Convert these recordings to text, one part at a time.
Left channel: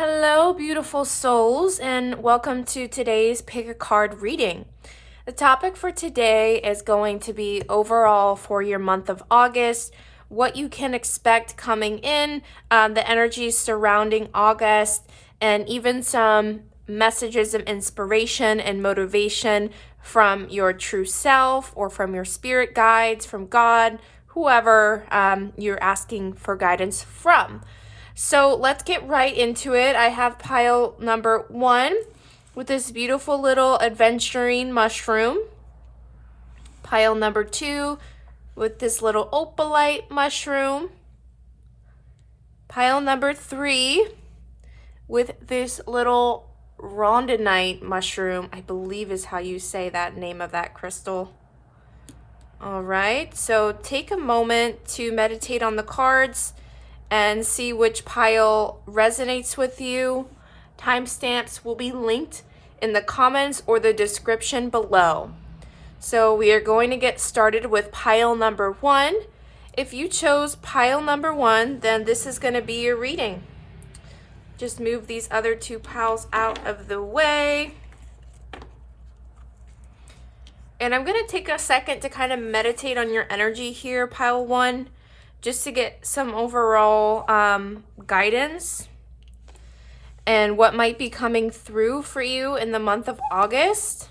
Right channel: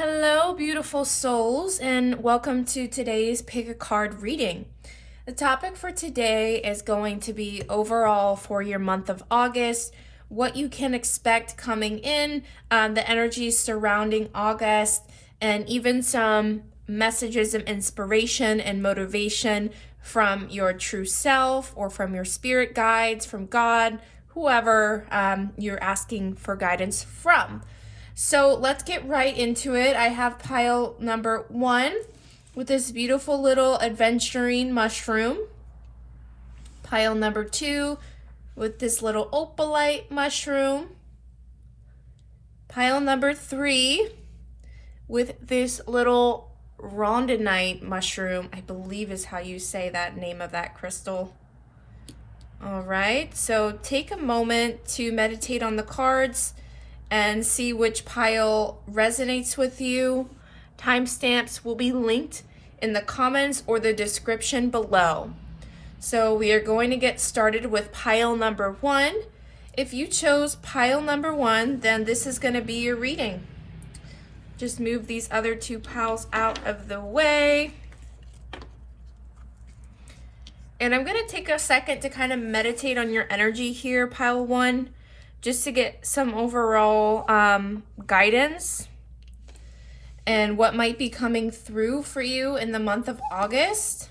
Hello, beautiful souls, and welcome to today's Pick a Card reading. The topic for today is going to be overall for your month of August, what you can expect coming in, the energies surrounding August, and even some messages of inspiration and motivation from your true self or from your spirit guides, from God, whoever you're asking for guidance from. So let's get right into it. I have pile number 1 with this beautiful little adventuring mushroom. Pile number 2 with this little opalite mushroom. Pile number 3 with this little rhodonite mushroom, I believe is how you say that name of that crystal. All right, so take a moment to meditate on the cards and see which pile resonates with you. Timestamps will be linked in the comments or the description below. So we are going to get started with pile number 1. If you chose pile number 1, then this is going to be your reading. Just move these other 2 piles out of the way. And I'm going to take a second to kind of meditate on your energy here, pile 1. Just to get some overall guidance and what might be coming through for you in the month of August.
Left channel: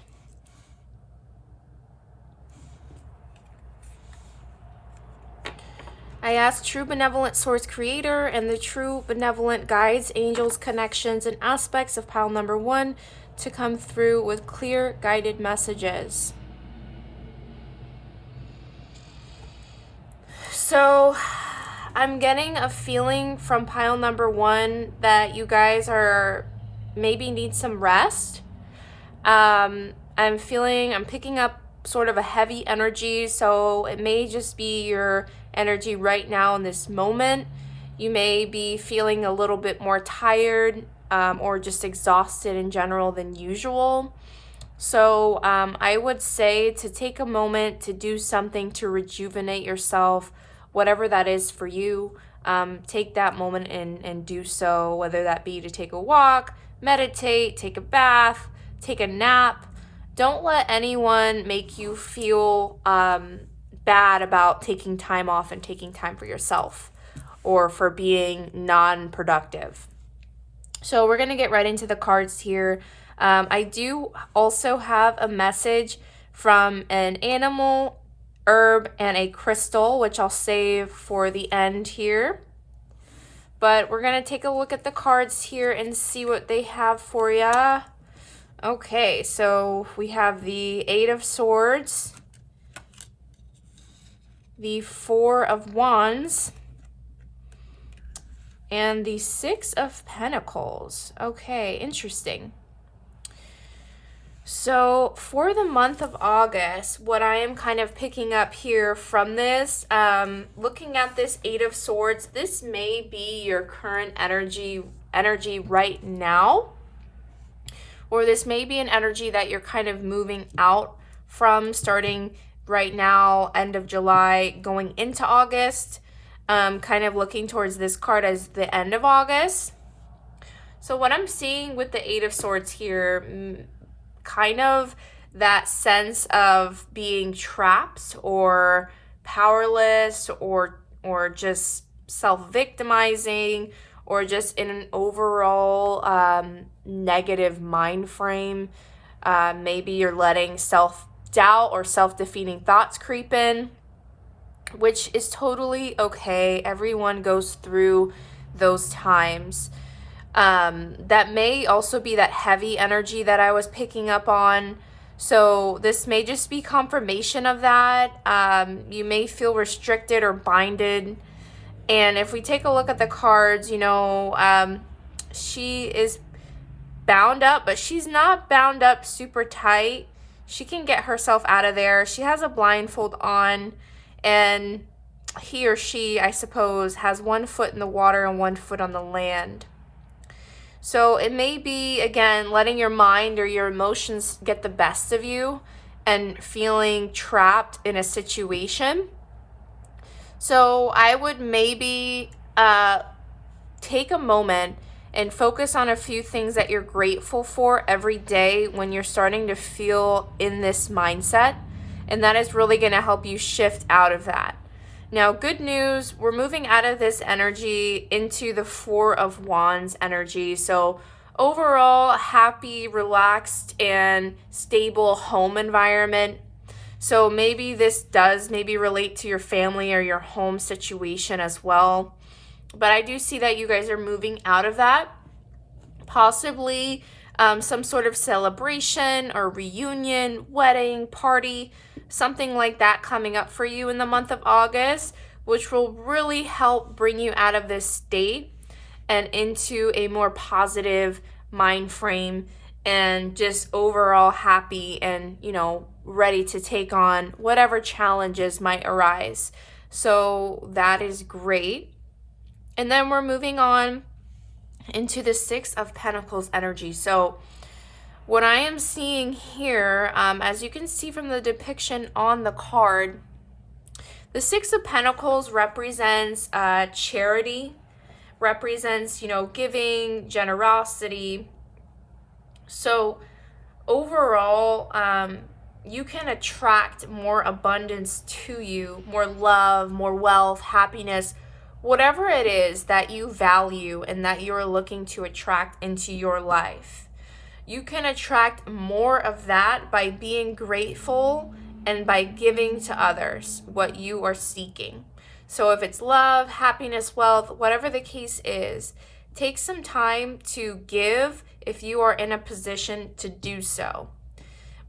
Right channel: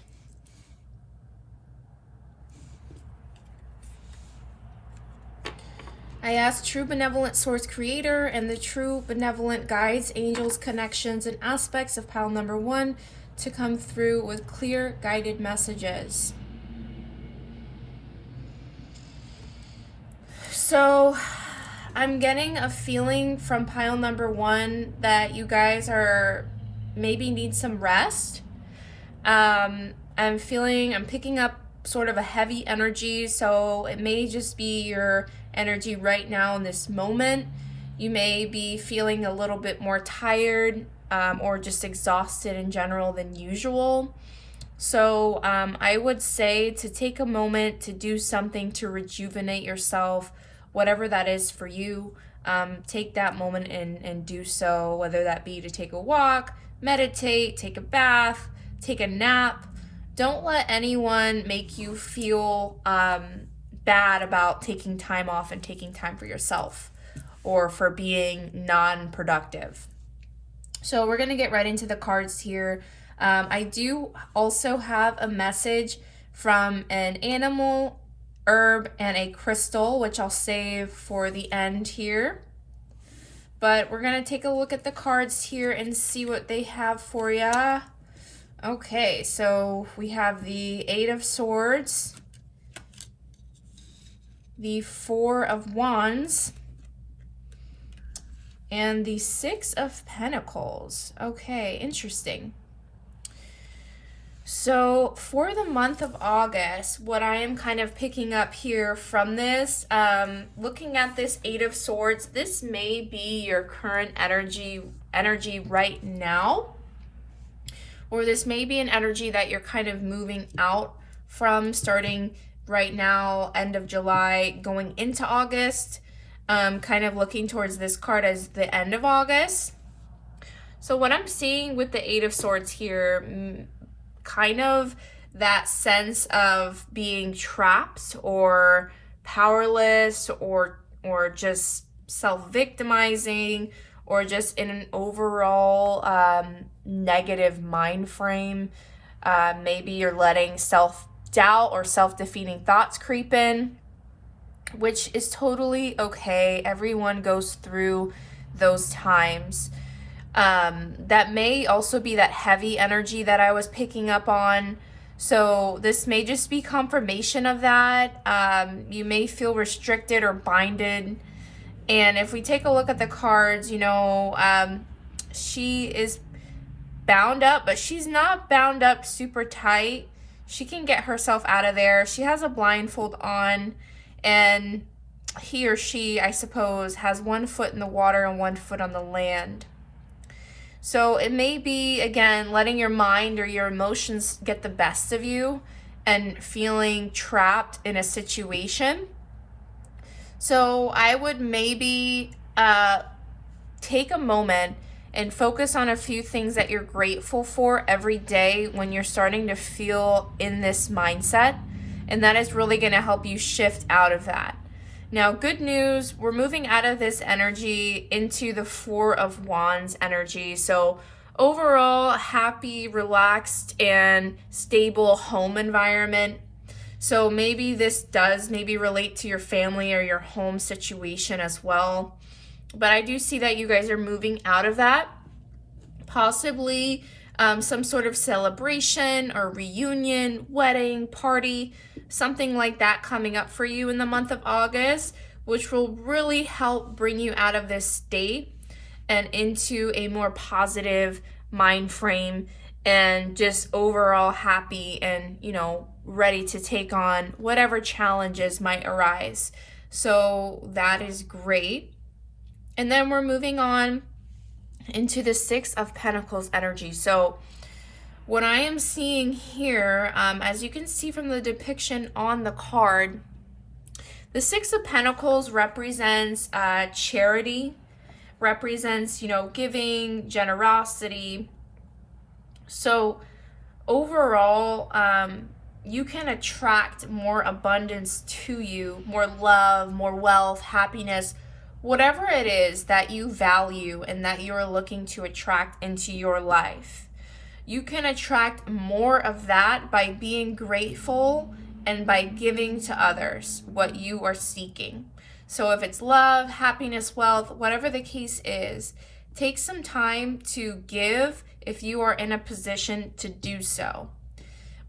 I ask true benevolent source creator and the true benevolent guides, angels, connections, and aspects of pile number 1 to come through with clear guided messages. So I'm getting a feeling from pile number 1 that you guys are maybe need some rest. I'm picking up sort of a heavy energy, so it may just be your energy right now in this moment. You may be feeling a little bit more tired or just exhausted in general than usual. So I would say to take a moment to do something to rejuvenate yourself, whatever that is for you. Take that moment and do so, whether that be to take a walk, meditate, take a bath, take a nap. Don't let anyone make you feel bad about taking time off and taking time for yourself or for being non-productive. So we're going to get right into the cards here. I do also have a message from an animal, herb, and a crystal, which I'll save for the end here. But we're going to take a look at the cards here and see what they have for ya. Okay, so we have the 8 of Swords, the 4 of Wands, and the 6 of Pentacles. Okay, interesting. So for the month of August, what I am kind of picking up here from this, looking at this 8 of Swords, this may be your current energy right now, or this may be an energy that you're kind of moving out from starting right now, end of July, going into August, kind of looking towards this card as the end of August. So what I'm seeing with the 8 of Swords here, kind of that sense of being trapped or powerless or just self-victimizing or just in an overall negative mind frame. Maybe you're letting self-doubt or self-defeating thoughts creep in, which is totally okay. Everyone goes through those times. That may also be that heavy energy that I was picking up on. So this may just be confirmation of that. You may feel restricted or binded. And if we take a look at the cards, she is bound up, but she's not bound up super tight. She can get herself out of there. She has a blindfold on, and he or she, I suppose, has 1 foot in the water and 1 foot on the land. So it may be, again, letting your mind or your emotions get the best of you and feeling trapped in a situation. So I would maybe take a moment and focus on a few things that you're grateful for every day when you're starting to feel in this mindset. And that is really going to help you shift out of that. Now, good news, we're moving out of this energy into the Four of Wands energy. So overall, happy, relaxed, and stable home environment. So maybe this does maybe relate to your family or your home situation as well. But I do see that you guys are moving out of that. Possibly some sort of celebration or reunion, wedding, party, something like that coming up for you in the month of August, which will really help bring you out of this state and into a more positive mind frame and just overall happy and, ready to take on whatever challenges might arise. So that is great. And then we're moving on into the Six of Pentacles energy. So what I am seeing here, as you can see from the depiction on the card, the Six of Pentacles represents charity, represents, giving, generosity. So overall, you can attract more abundance to you, more love, more wealth, happiness, whatever it is that you value and that you're looking to attract into your life. You can attract more of that by being grateful and by giving to others what you are seeking. So if it's love, happiness, wealth, whatever the case is, take some time to give if you are in a position to do so.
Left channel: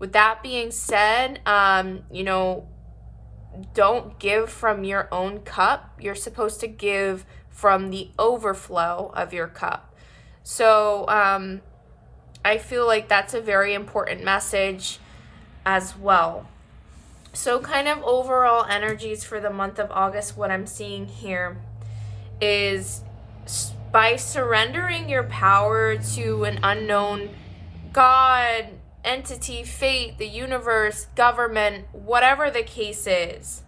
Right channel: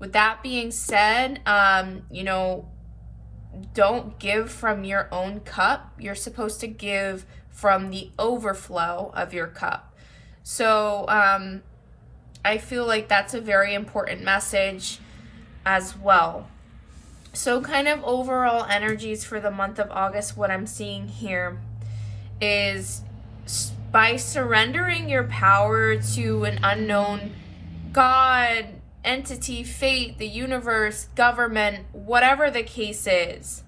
With that being said, don't give from your own cup. You're supposed to give from the overflow of your cup. So I feel like that's a very important message as well. So kind of overall energies for the month of August, what I'm seeing here is by surrendering your power to an unknown God, entity, fate, the universe, government, whatever the case is,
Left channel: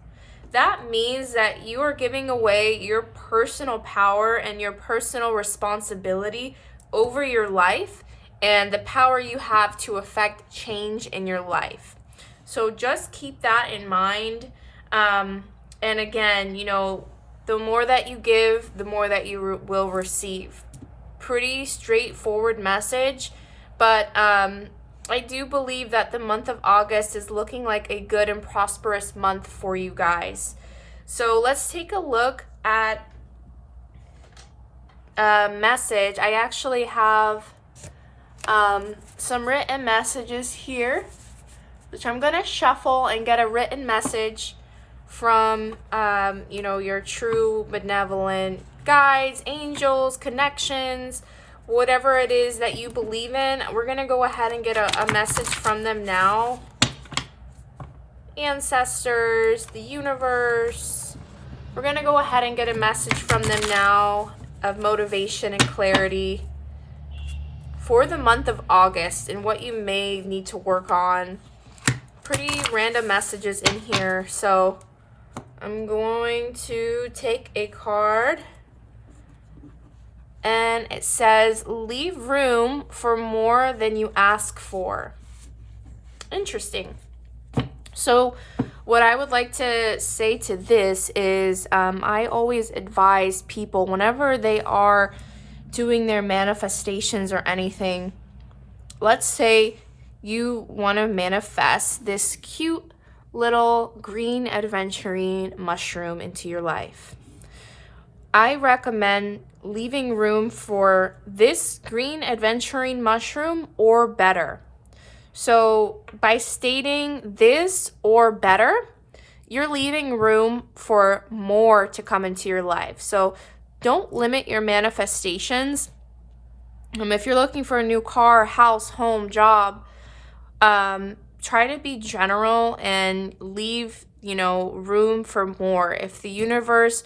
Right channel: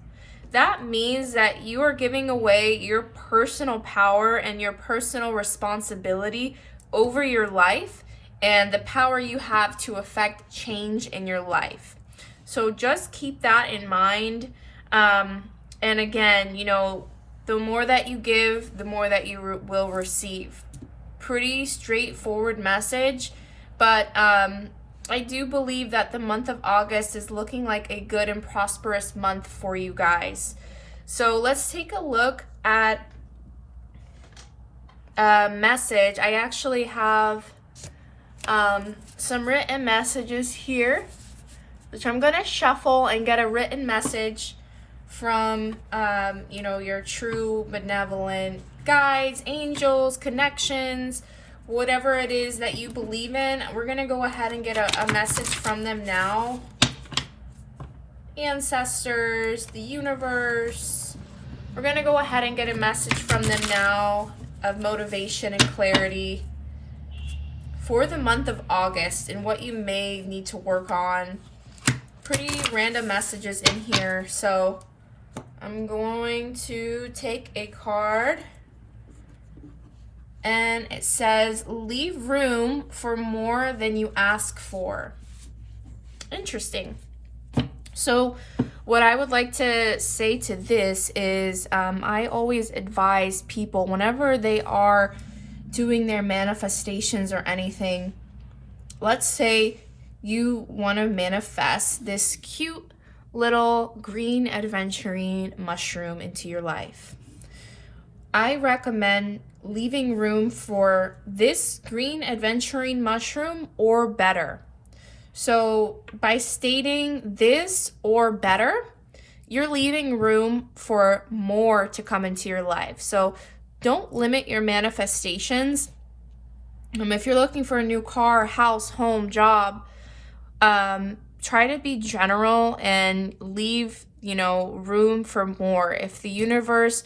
that means that you are giving away your personal power and your personal responsibility over your life and the power you have to affect change in your life. So just keep that in mind. And again, the more that you give, the more that you will receive. Pretty straightforward message, but I do believe that the month of August is looking like a good and prosperous month for you guys. So let's take a look at a message. I actually have some written messages here, which I'm going to shuffle and get a written message from, your true benevolent guides, angels, connections, whatever it is that you believe in. We're going to go ahead and get a message from them now. Ancestors, the universe. We're going to go ahead and get a message from them now of motivation and clarity for the month of August and what you may need to work on. Pretty random messages in here. So I'm going to take a card. And it says, leave room for more than you ask for. Interesting. So what I would like to say to this is I always advise people whenever they are doing their manifestations or anything, let's say you want to manifest this cute little green adventurine mushroom into your life. I recommend leaving room for this green adventurine mushroom or better. So by stating this or better, you're leaving room for more to come into your life. So don't limit your manifestations. If you're looking for a new car, house, home, job, try to be general and leave, room for more. If the universe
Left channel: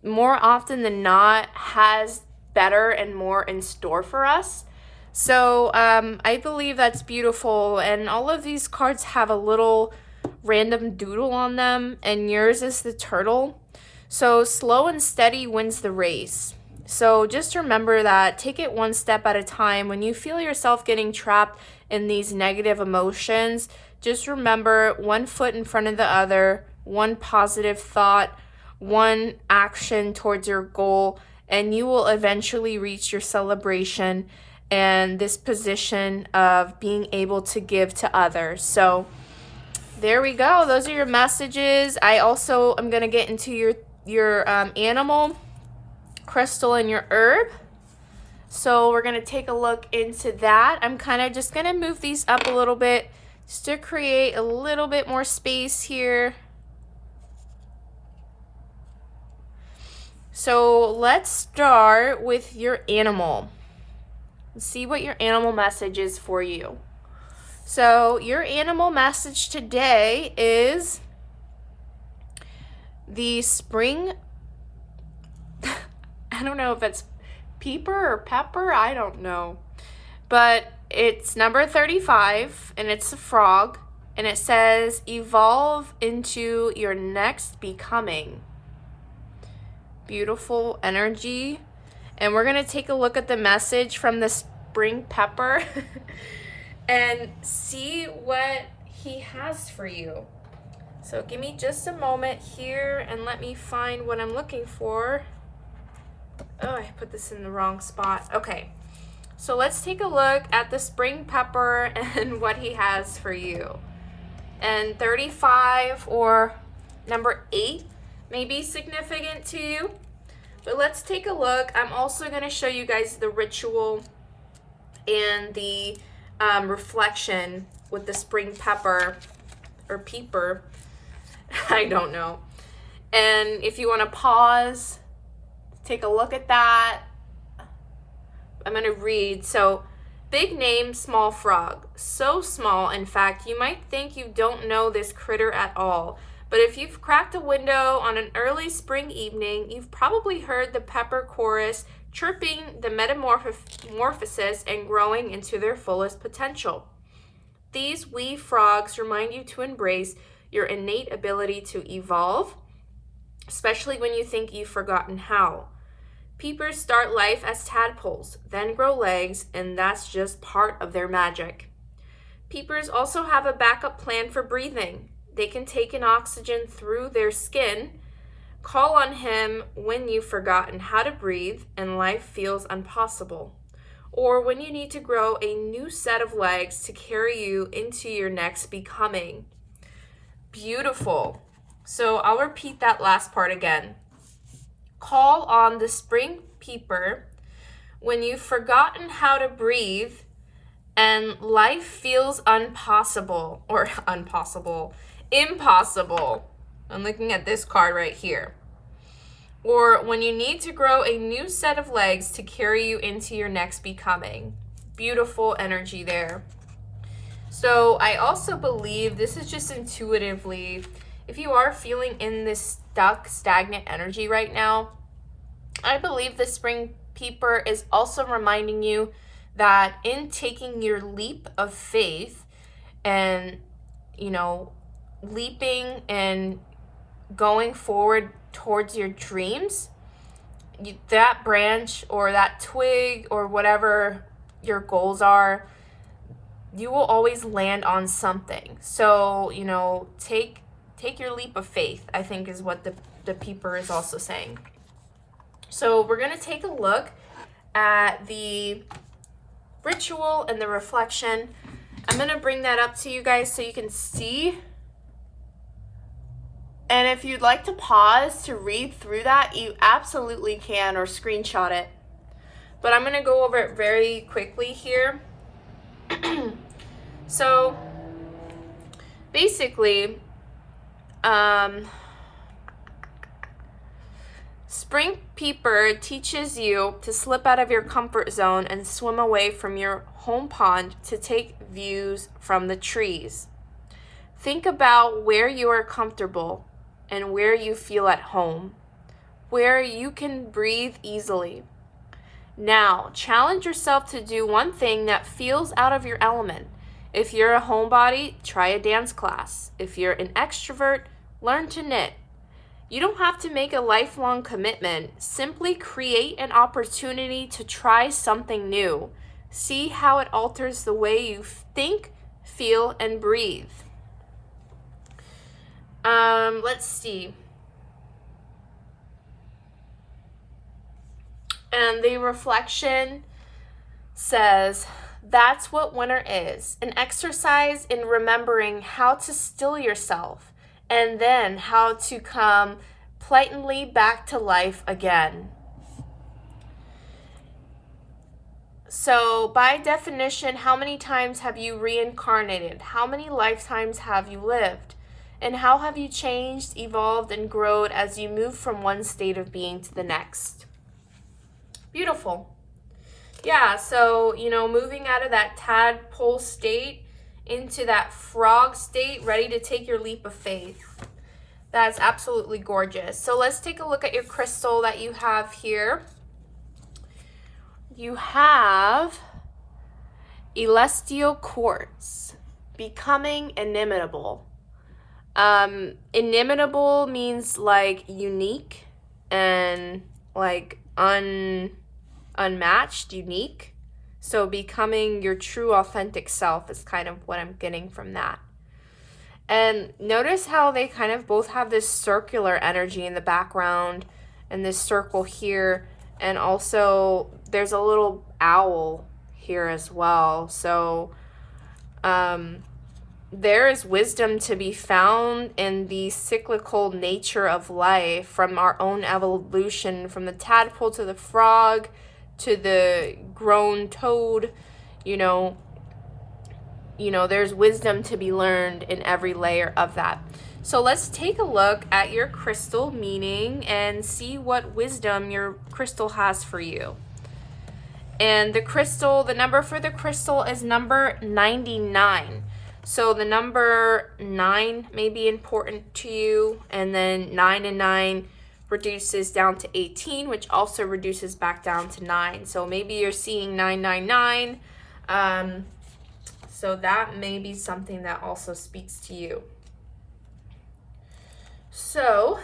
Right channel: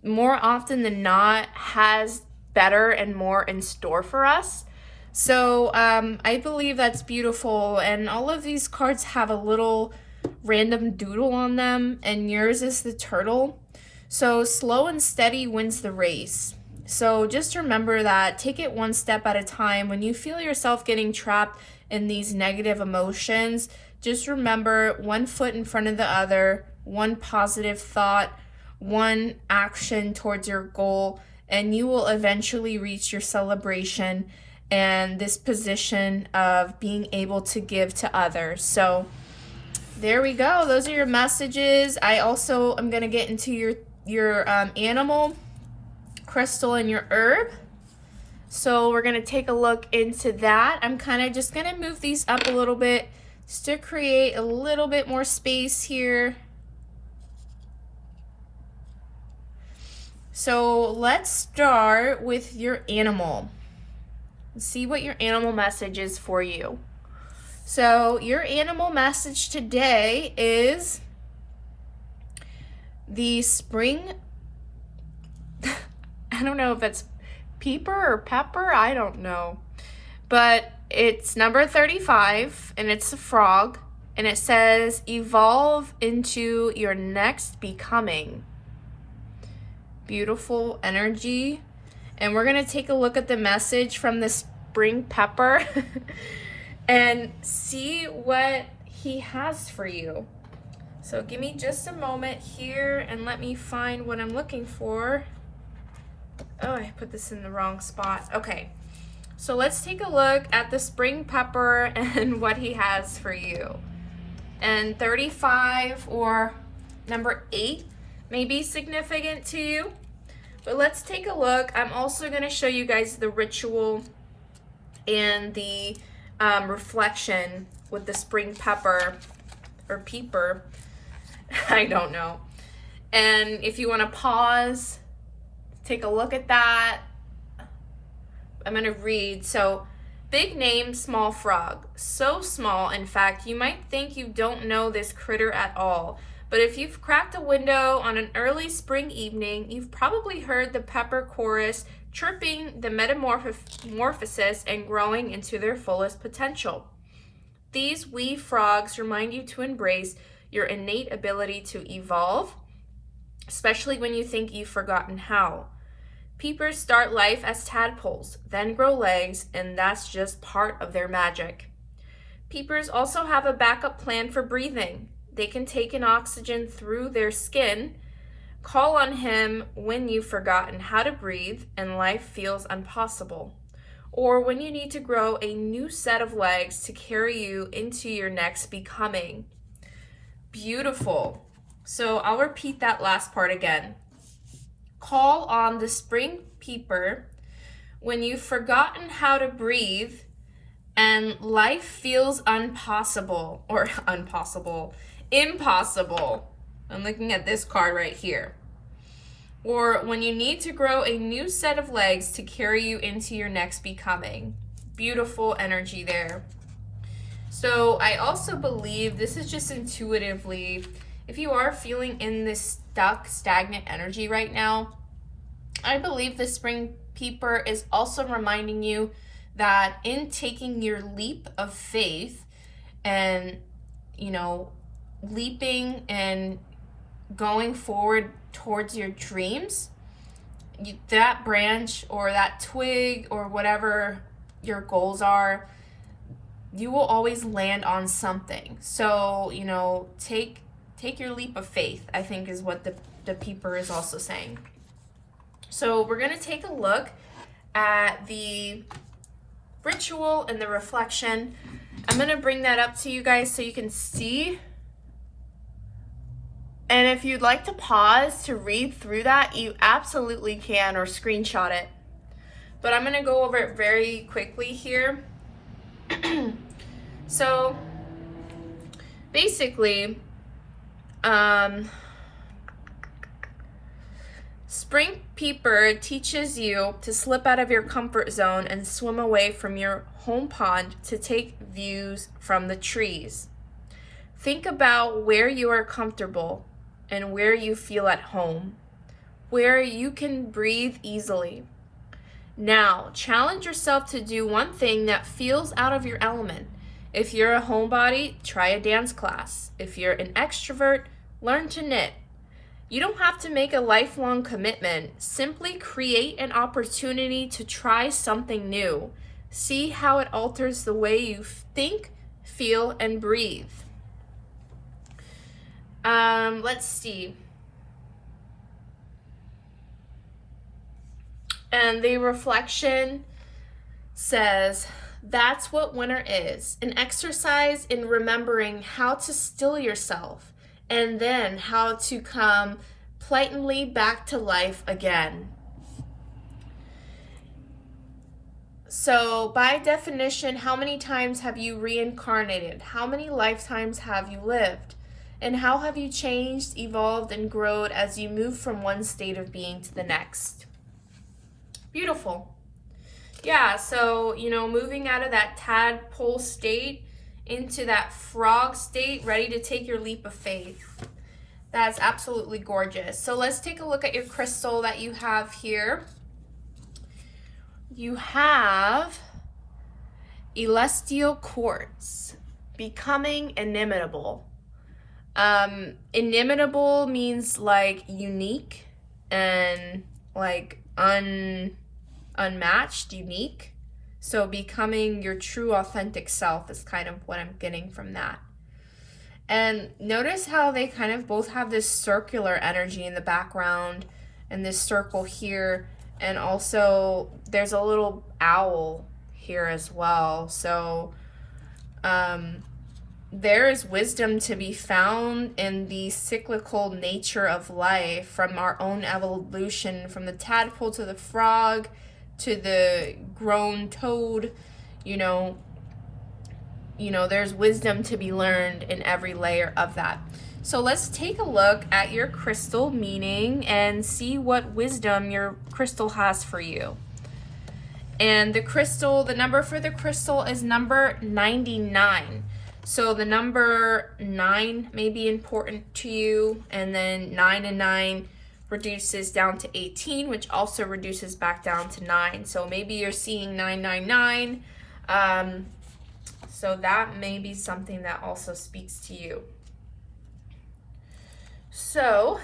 more often than not has better and more in store for us. So I believe that's beautiful, and all of these cards have a little random doodle on them, and yours is the turtle. So slow and steady wins the race. So just remember that, take it one step at a time. When you feel yourself getting trapped in these negative emotions, just remember one foot in front of the other, one positive thought, one action towards your goal, and you will eventually reach your celebration and this position of being able to give to others. So there we go. Those are your messages. I also am going to get into your animal crystal and your herb. So we're going to take a look into that. I'm kind of just going to move these up a little bit just to create a little bit more space here. So let's start with your animal. Let's see what your animal message is for you. So your animal message today is the spring, I don't know if it's peeper or pepper, I don't know. But it's number 35 and it's a frog and it says evolve into your next becoming. Beautiful energy. And we're going to take a look at the message from the spring pepper and see what he has for you. So give me just a moment here and let me find what I'm looking for. Oh, I put this in the wrong spot. Okay, so let's take a look at the spring pepper and what he has for you. And 35 or number 8 may be significant to you, but let's take a look. I'm also going to show you guys the ritual and the reflection with the spring pepper or peeper. I don't know. And if you want to pause, take a look at that. I'm going to read. So, big name, small frog. So small, in fact, you might think you don't know this critter at all. But if you've cracked a window on an early spring evening, you've probably heard the pepper chorus chirping the metamorphosis and growing into their fullest potential. These wee frogs remind you to embrace your innate ability to evolve, especially when you think you've forgotten how. Peepers start life as tadpoles, then grow legs, and that's just part of their magic. Peepers also have a backup plan for breathing. They can take in oxygen through their skin. Call on him when you've forgotten how to breathe and life feels impossible, or when you need to grow a new set of legs to carry you into your next becoming. Beautiful. So I'll repeat that last part again. Call on the spring peeper when you've forgotten how to breathe and life feels impossible. I'm looking at this card right here. Or when you need to grow a new set of legs to carry you into your next becoming. Beautiful energy there. So I also believe, this is just intuitively, if you are feeling in this stuck, stagnant energy right now, I believe the spring peeper is also reminding you that in taking your leap of faith and, leaping and going forward towards your dreams, that branch or that twig or whatever your goals are, you will always land on something. So, take your leap of faith, I think is what the peeper is also saying. So we're going to take a look at the ritual and the reflection. I'm going to bring that up to you guys so you can see. And if you'd like to pause to read through that, you absolutely can, or screenshot it. But I'm going to go over it very quickly here. So basically, spring peeper teaches you to slip out of your comfort zone and swim away from your home pond to take views from the trees. Think about where you are comfortable and where you feel at home, where you can breathe easily. Now, challenge yourself to do one thing that feels out of your element. If you're a homebody, try a dance class. If you're an extrovert, learn to knit. You don't have to make a lifelong commitment. Simply create an opportunity to try something new. See how it alters the way you think, feel, and breathe. Let's see. And the reflection says, that's what winter is, an exercise in remembering how to still yourself and then how to come pleasantly back to life again. So by definition, how many times have you reincarnated? How many lifetimes have you lived? And how have you changed, evolved, and grown as you move from one state of being to the next? Beautiful. Yeah, so, moving out of that tadpole state into that frog state, ready to take your leap of faith. That's absolutely gorgeous. So let's take a look at your crystal that you have here. You have celestial quartz, becoming inimitable. Inimitable means like unique and like unmatched, unique. So becoming your true authentic self is kind of what I'm getting from that. And notice how they kind of both have this circular energy in the background and this circle here. And also there's a little owl here as well. So there is wisdom to be found in the cyclical nature of life, from our own evolution, from the tadpole to the frog to the grown toad. There's wisdom to be learned in every layer of that. So let's take a look at your crystal meaning and see what wisdom your crystal has for you. And the number for the crystal is number 99. So the number 9 may be important to you, and then 9 and 9 reduces down to 18, which also reduces back down to 9. So maybe you're seeing 999. So that may be something that also speaks to you. So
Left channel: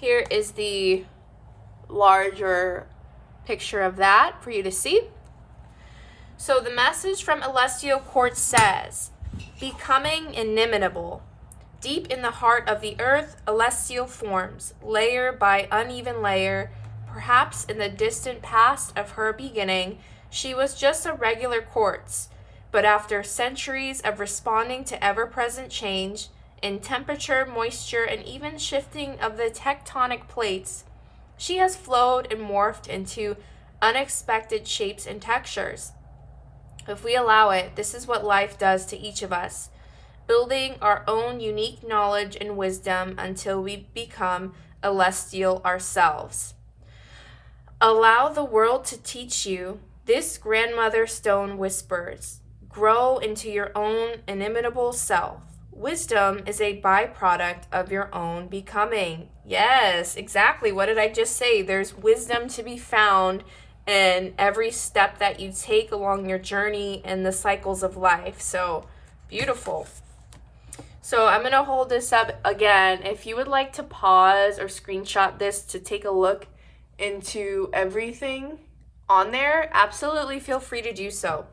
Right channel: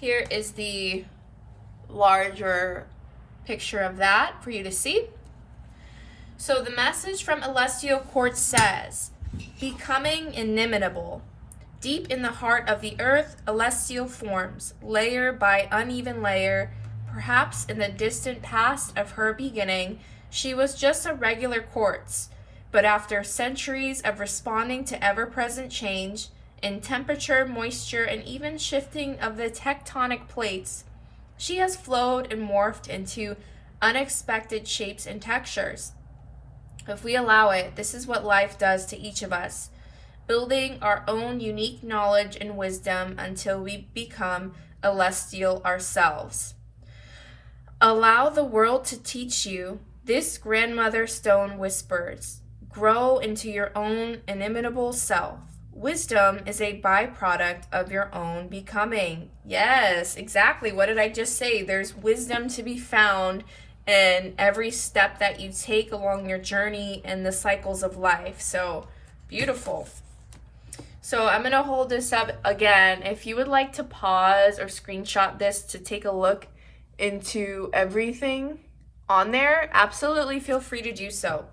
here is the larger picture of that for you to see. So the message from celestial quartz says, becoming inimitable. Deep in the heart of the earth, celestial forms, layer by uneven layer. Perhaps in the distant past of her beginning, she was just a regular quartz. But after centuries of responding to ever-present change in temperature, moisture, and even shifting of the tectonic plates, she has flowed and morphed into unexpected shapes and textures. If we allow it, this is what life does to each of us, building our own unique knowledge and wisdom until we become celestial ourselves. Allow the world to teach you, this grandmother stone whispers. Grow into your own inimitable self. Wisdom is a byproduct of your own becoming. Yes, exactly. What did I just say? There's wisdom to be found in every step that you take along your journey and the cycles of life. So beautiful. So I'm going to hold this up again. If you would like to pause or screenshot this to take a look into everything on there, absolutely feel free to do so.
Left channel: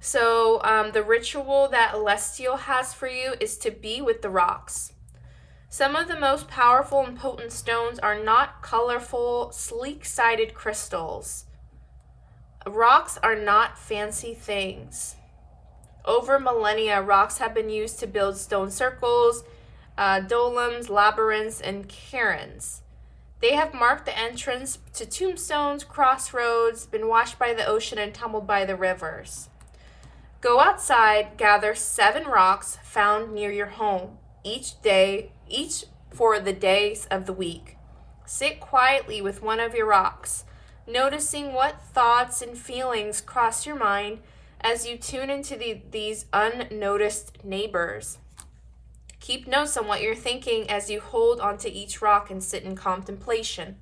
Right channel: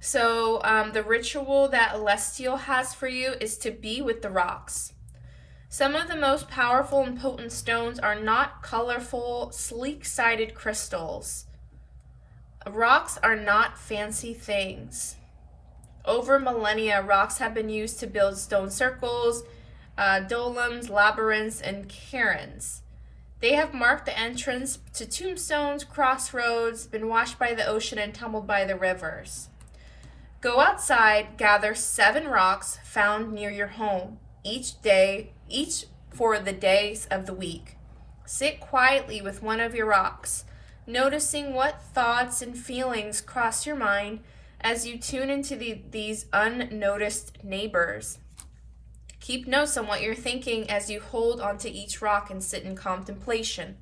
So the ritual that Celestial has for you is to be with the rocks. Some of the most powerful and potent stones are not colorful, sleek-sided crystals. Rocks are not fancy things. Over millennia, rocks have been used to build stone circles, dolems, labyrinths, and cairns. They have marked the entrance to tombstones, crossroads, been washed by the ocean, and tumbled by the rivers. Go outside, gather 7 rocks found near your home, each for the days of the week. Sit quietly with one of your rocks, noticing what thoughts and feelings cross your mind as you tune into these unnoticed neighbors. Keep notes on what you're thinking as you hold onto each rock and sit in contemplation.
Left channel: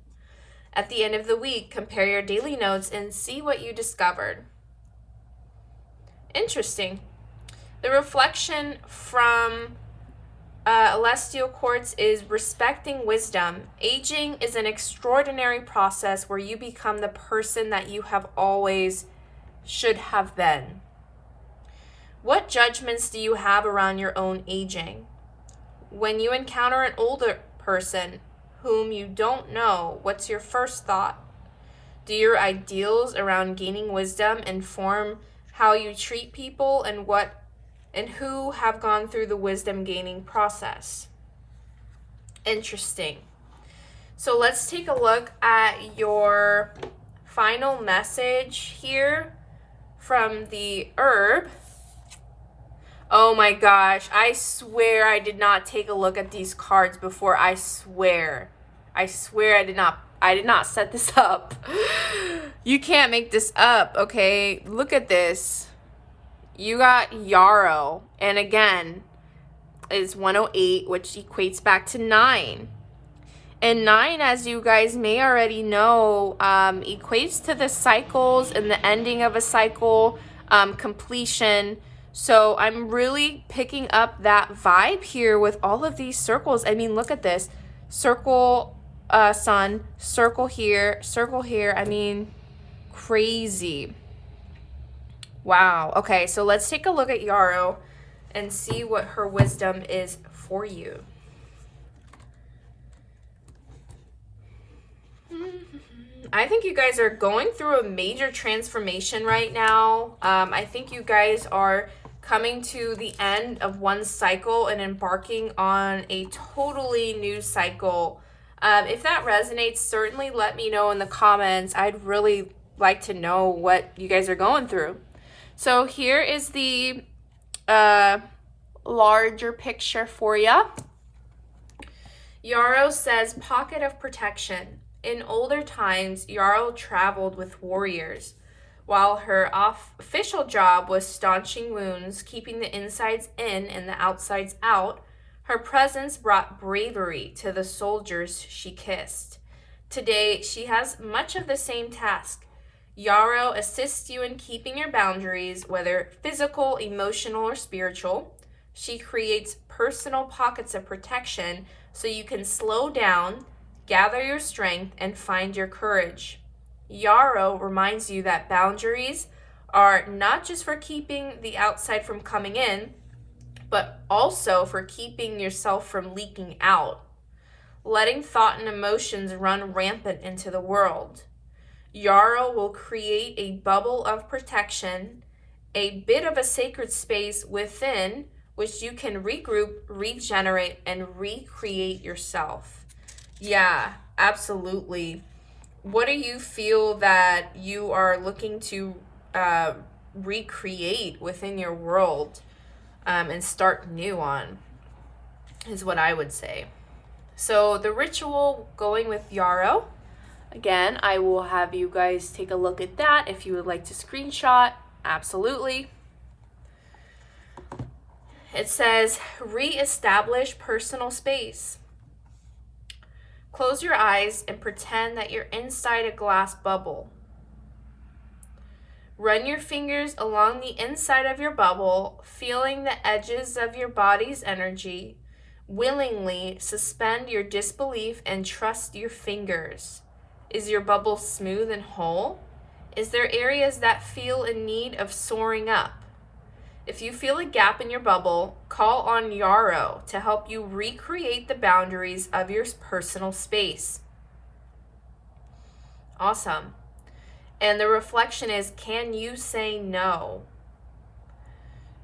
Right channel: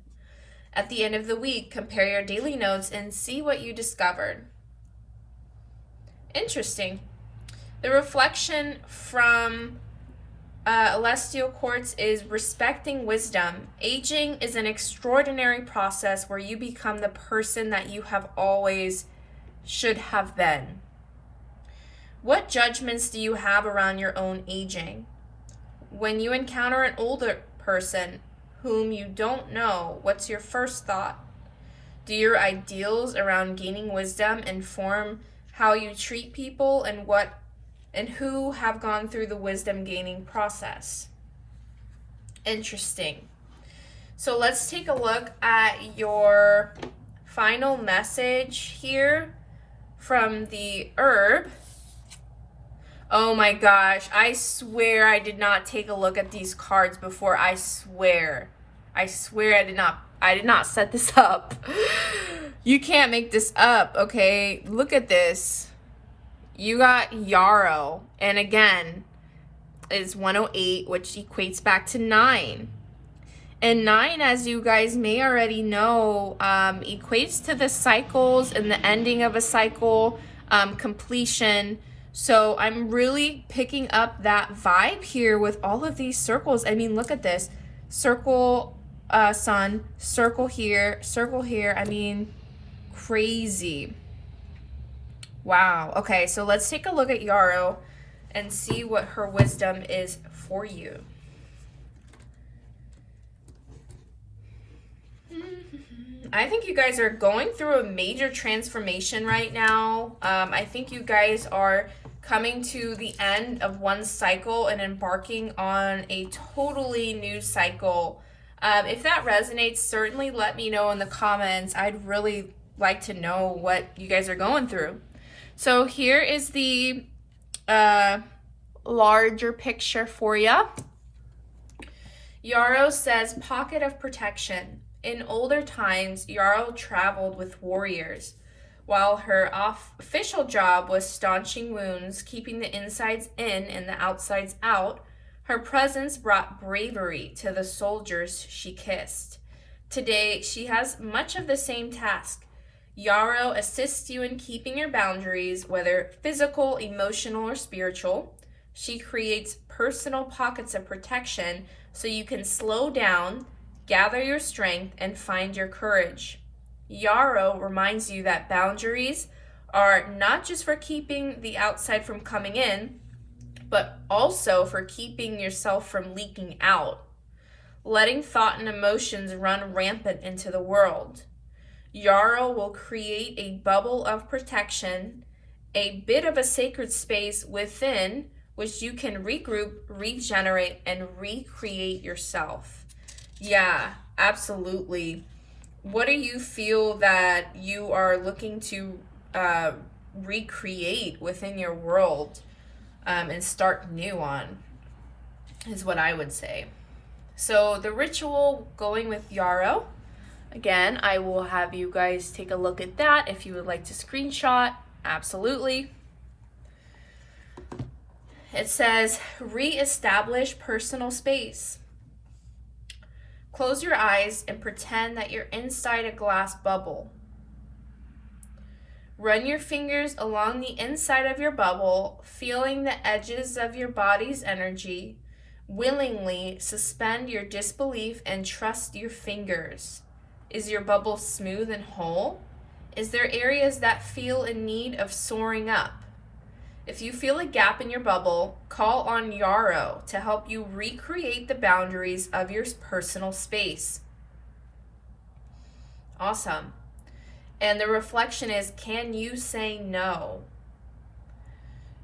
At the end of the week, compare your daily notes and see what you discovered. Interesting. The reflection from celestial quartz is respecting wisdom. Aging is an extraordinary process where you become the person that you have always should have been. What judgments do you have around your own aging? When you encounter an older person whom you don't know, what's your first thought? Do your ideals around gaining wisdom inform how you treat people and who have gone through the wisdom gaining process? Interesting. So let's take a look at your final message here from the herb. Oh my gosh, I swear I did not take a look at these cards before. I swear I did not set this up. You can't make this up, okay? Look at this. You got yarrow, and again, is 108, which equates back to 9. And 9, as you guys may already know, equates to the cycles and the ending of a cycle, completion. So I'm really picking up that vibe here with all of these circles. I mean, look at this. Circle, sun, circle here, I mean, crazy. Wow. Okay, so let's take a look at yarrow and see what her wisdom is for you. I think you guys are going through a major transformation right now. I think you guys are coming to the end of one cycle and embarking on a totally new cycle. If that resonates, certainly let me know in the comments. I'd really like to know what you guys are going through. So here is the larger picture for you. Yarrow says, pocket of protection. In older times, Yarrow traveled with warriors. While her official job was staunching wounds, keeping the insides in and the outsides out, her presence brought bravery to the soldiers she kissed. Today, she has much of the same task. Yarrow assists you in keeping your boundaries, whether physical, emotional, or spiritual. She creates personal pockets of protection so you can slow down, gather your strength, and find your courage. Yarrow reminds you that boundaries are not just for keeping the outside from coming in, but also for keeping yourself from leaking out, letting thought and emotions run rampant into the world. Yarrow will create a bubble of protection, a bit of a sacred space within which you can regroup, regenerate, and recreate yourself. Yeah, absolutely. What do you feel that you are looking to recreate within your world and start new on, is what I would say. So the ritual going with yarrow, again, I will have you guys take a look at that if you would like to screenshot. Absolutely. It says, reestablish personal space. Close your eyes and pretend that you're inside a glass bubble. Run your fingers along the inside of your bubble, feeling the edges of your body's energy. Willingly suspend your disbelief and trust your fingers. Is your bubble smooth and whole? Is there areas that feel in need of soaring up? If you feel a gap in your bubble, call on yarrow to help you recreate the boundaries of your personal space. Awesome. And the reflection is, can you say no?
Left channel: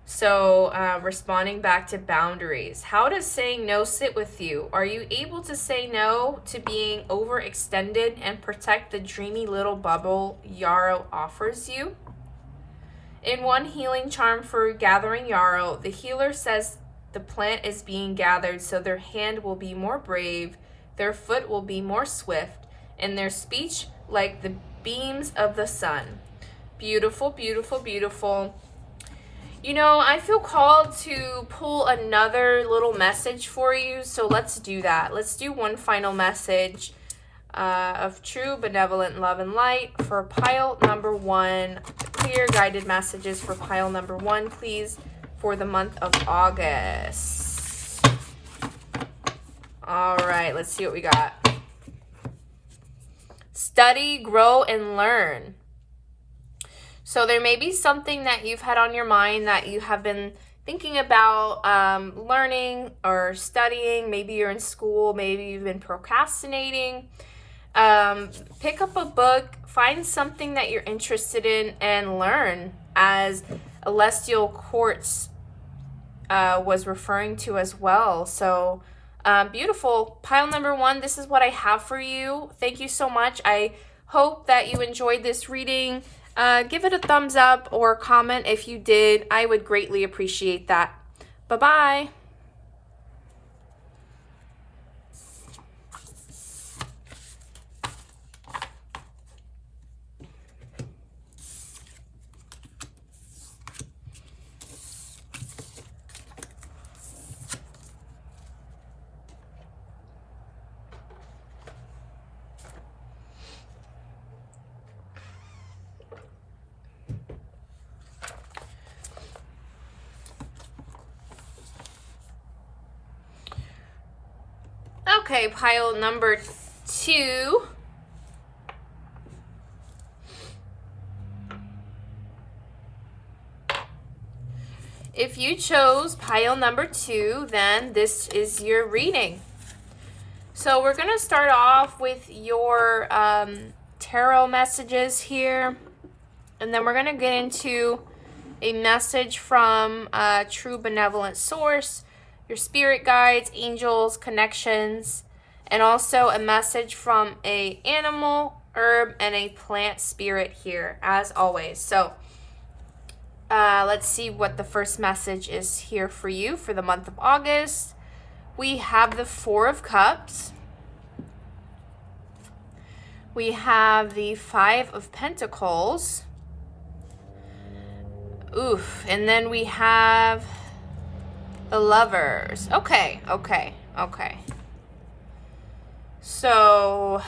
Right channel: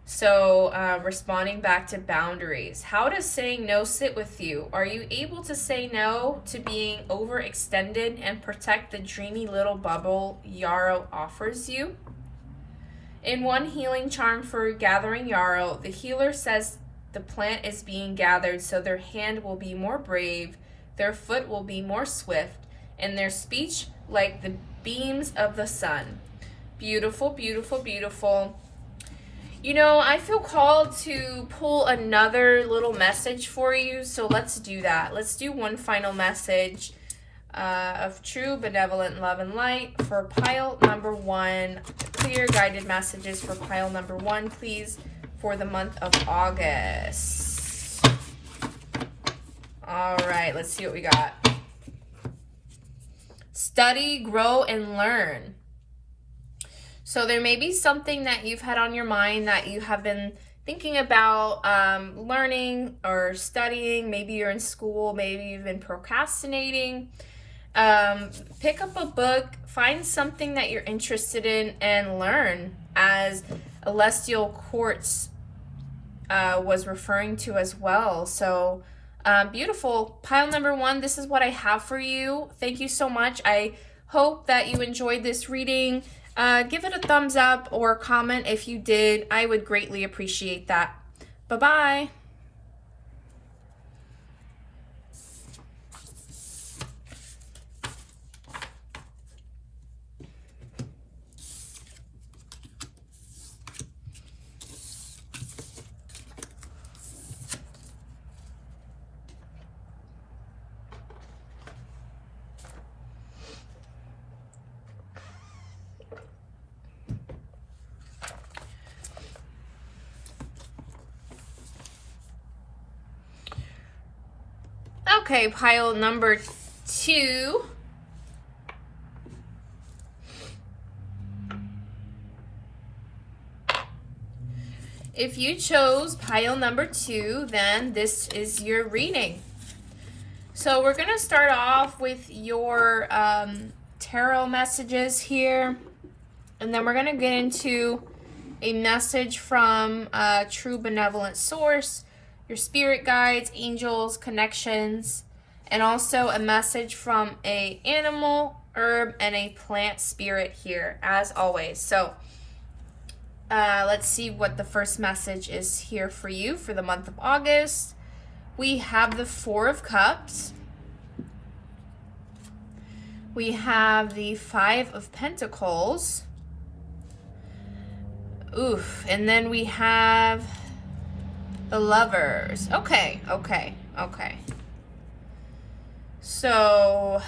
So responding back to boundaries. How does saying no sit with you? Are you able to say no to being overextended and protect the dreamy little bubble yarrow offers you? In one healing charm for gathering yarrow, the healer says the plant is being gathered, so their hand will be more brave, their foot will be more swift, and their speech like the beams of the sun. Beautiful, beautiful, beautiful. You know, I feel called to pull another little message for you, so let's do that. Let's do one final message of true, benevolent love and light for pile number 1. Clear guided messages for pile number 1, please. for the month of August. All right, let's see what we got. Study, grow, and learn. So there may be something that you've had on your mind that you have been thinking about learning or studying. Maybe you're in school, maybe you've been procrastinating. Pick up a book, find something that you're interested in, and learn, as Celestial Quartz was referring to as well. So beautiful. Pile number 1, this is what I have for you. Thank you so much. I hope that you enjoyed this reading. Give it a thumbs up or comment if you did. I would greatly appreciate that. Bye-bye. Okay, pile number 2. If you chose pile number 2, then this is your reading. So we're going to start off with your tarot messages here, and then we're going to get into a message from a true benevolent source, your spirit guides, angels, connections, and also a message from a animal, herb, and a plant spirit here, as always. So let's see what the first message is here for you for the month of August. We have the 4 of Cups. We have the 5 of Pentacles. Oof. And then we have the Lovers. Okay. So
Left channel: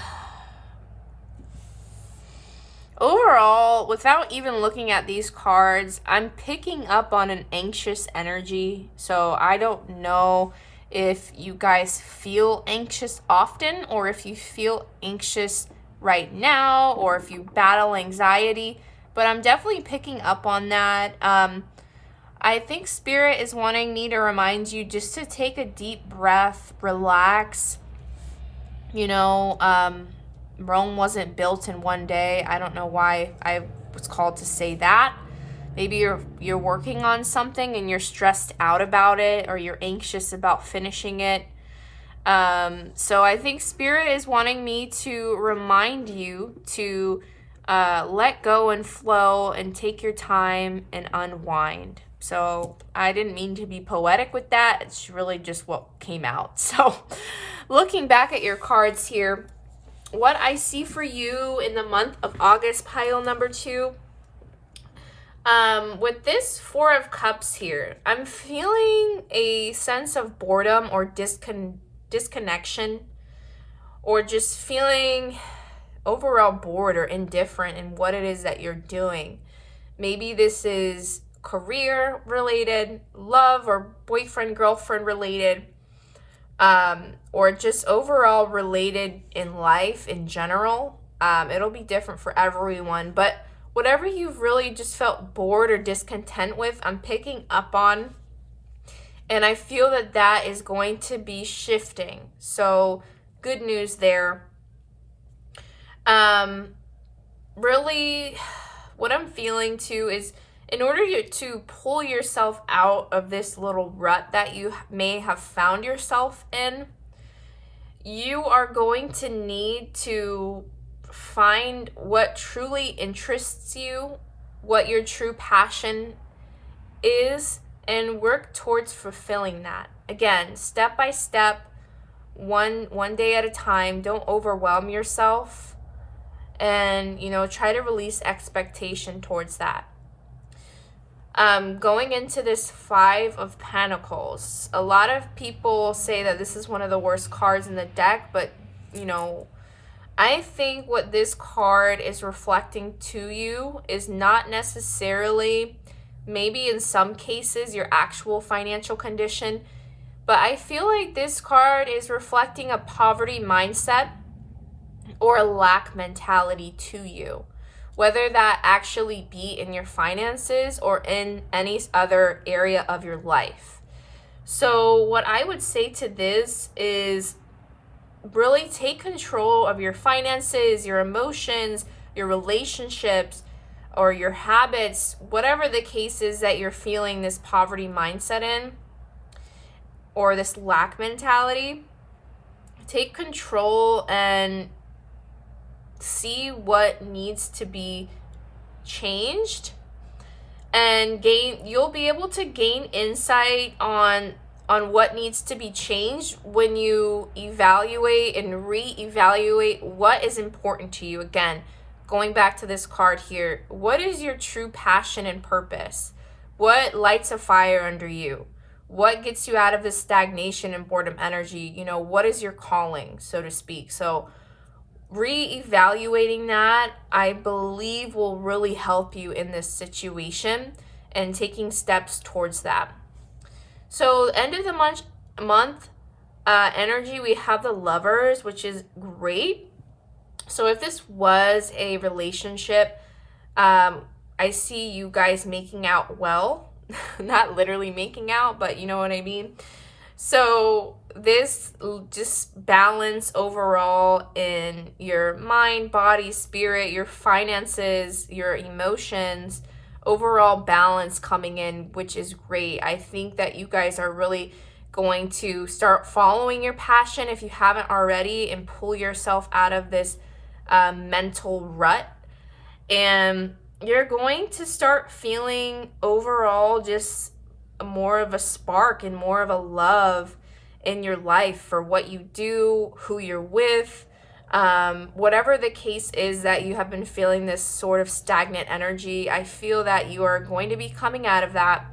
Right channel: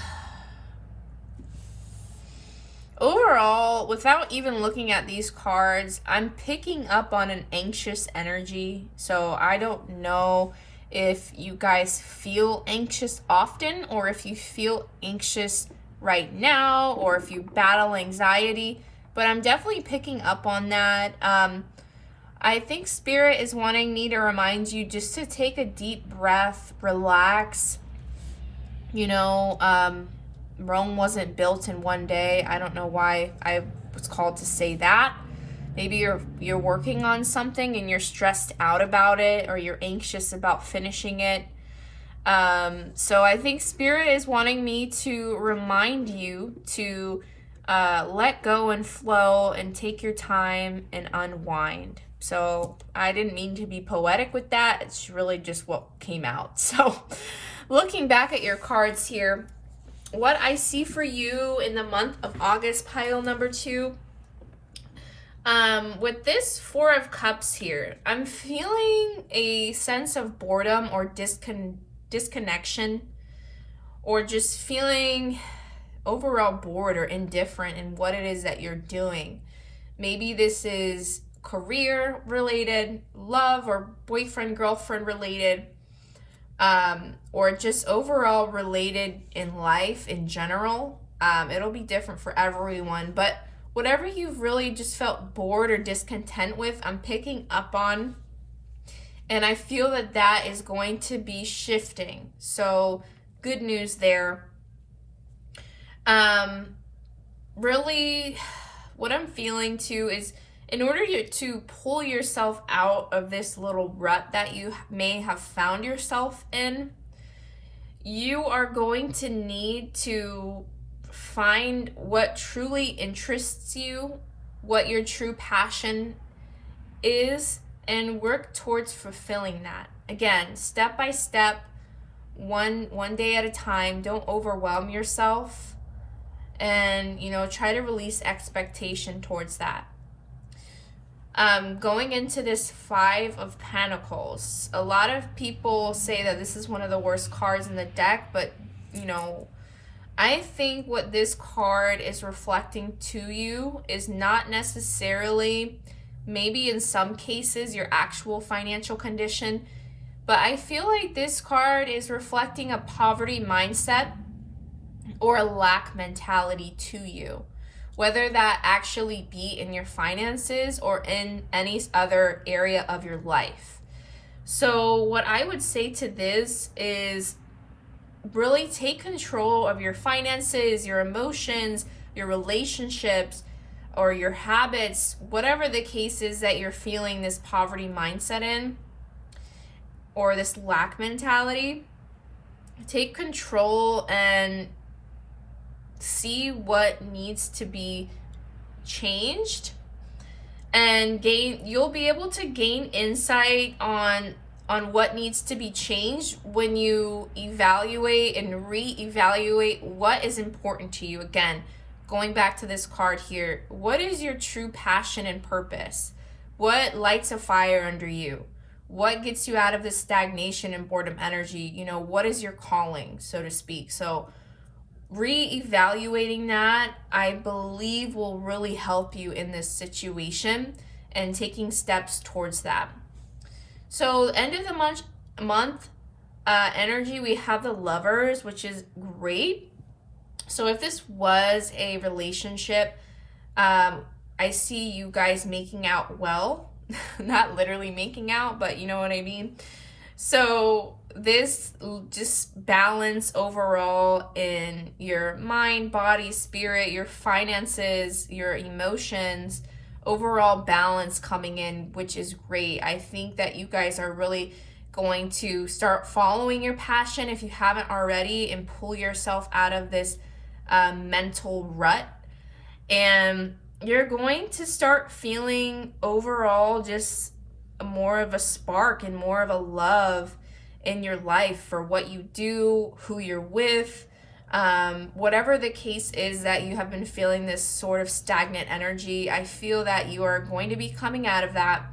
overall, without even looking at these cards, I'm picking up on an anxious energy. So I don't know if you guys feel anxious often, or if you feel anxious right now, or if you battle anxiety, but I'm definitely picking up on that. I think Spirit is wanting me to remind you just to take a deep breath, relax. You know, Rome wasn't built in one day. I don't know why I was called to say that. Maybe you're working on something and you're stressed out about it, or you're anxious about finishing it. So I think Spirit is wanting me to remind you to let go and flow and take your time and unwind. So I didn't mean to be poetic with that. It's really just what came out. So looking back at your cards here, what I see for you in the month of August, pile number 2, with this 4 of Cups here, I'm feeling a sense of boredom or disconnection, or just feeling overall bored or indifferent in what it is that you're doing. Maybe this is career related, love or boyfriend, girlfriend related, or just overall related in life in general. It'll be different for everyone, but whatever you've really just felt bored or discontent with, I'm picking up on, and I feel that that is going to be shifting. So good news there. Really what I'm feeling too is, in order to pull yourself out of this little rut that you may have found yourself in, you are going to need to find what truly interests you, what your true passion is, and work towards fulfilling that. Again, step by step, one day at a time. Don't overwhelm yourself, and try to release expectation towards that. Going into this 5 of Pentacles, a lot of people say that this is one of the worst cards in the deck, but I think what this card is reflecting to you is not necessarily maybe in some cases your actual financial condition. But I feel like this card is reflecting a poverty mindset or a lack mentality to you, whether that actually be in your finances or in any other area of your life. So what I would say to this is really take control of your finances, your emotions, your relationships, or your habits, whatever the case is that you're feeling this poverty mindset in or this lack mentality. Take control and see what needs to be changed, and you'll be able to gain insight on what needs to be changed when you evaluate and re-evaluate what is important to you. Again, going back to this card here, what is your true passion and purpose? What lights a fire under you? What gets you out of this stagnation and boredom energy? You know, what is your calling, so to speak? So re-evaluating that, I believe, will really help you in this situation and taking steps towards that. So end of the month energy, we have the Lovers, which is great. So if this was a relationship, I see you guys making out well. Not literally making out, but you know what I mean. So this just balance overall in your mind, body, spirit, your finances, your emotions, overall balance coming in, which is great. I think that you guys are really going to start following your passion if you haven't already, and pull yourself out of this mental rut. And you're going to start feeling overall just more of a spark and more of a love in your life for what you do, who you're with, whatever the case is that you have been feeling this sort of stagnant energy. I feel that you are going to be coming out of that,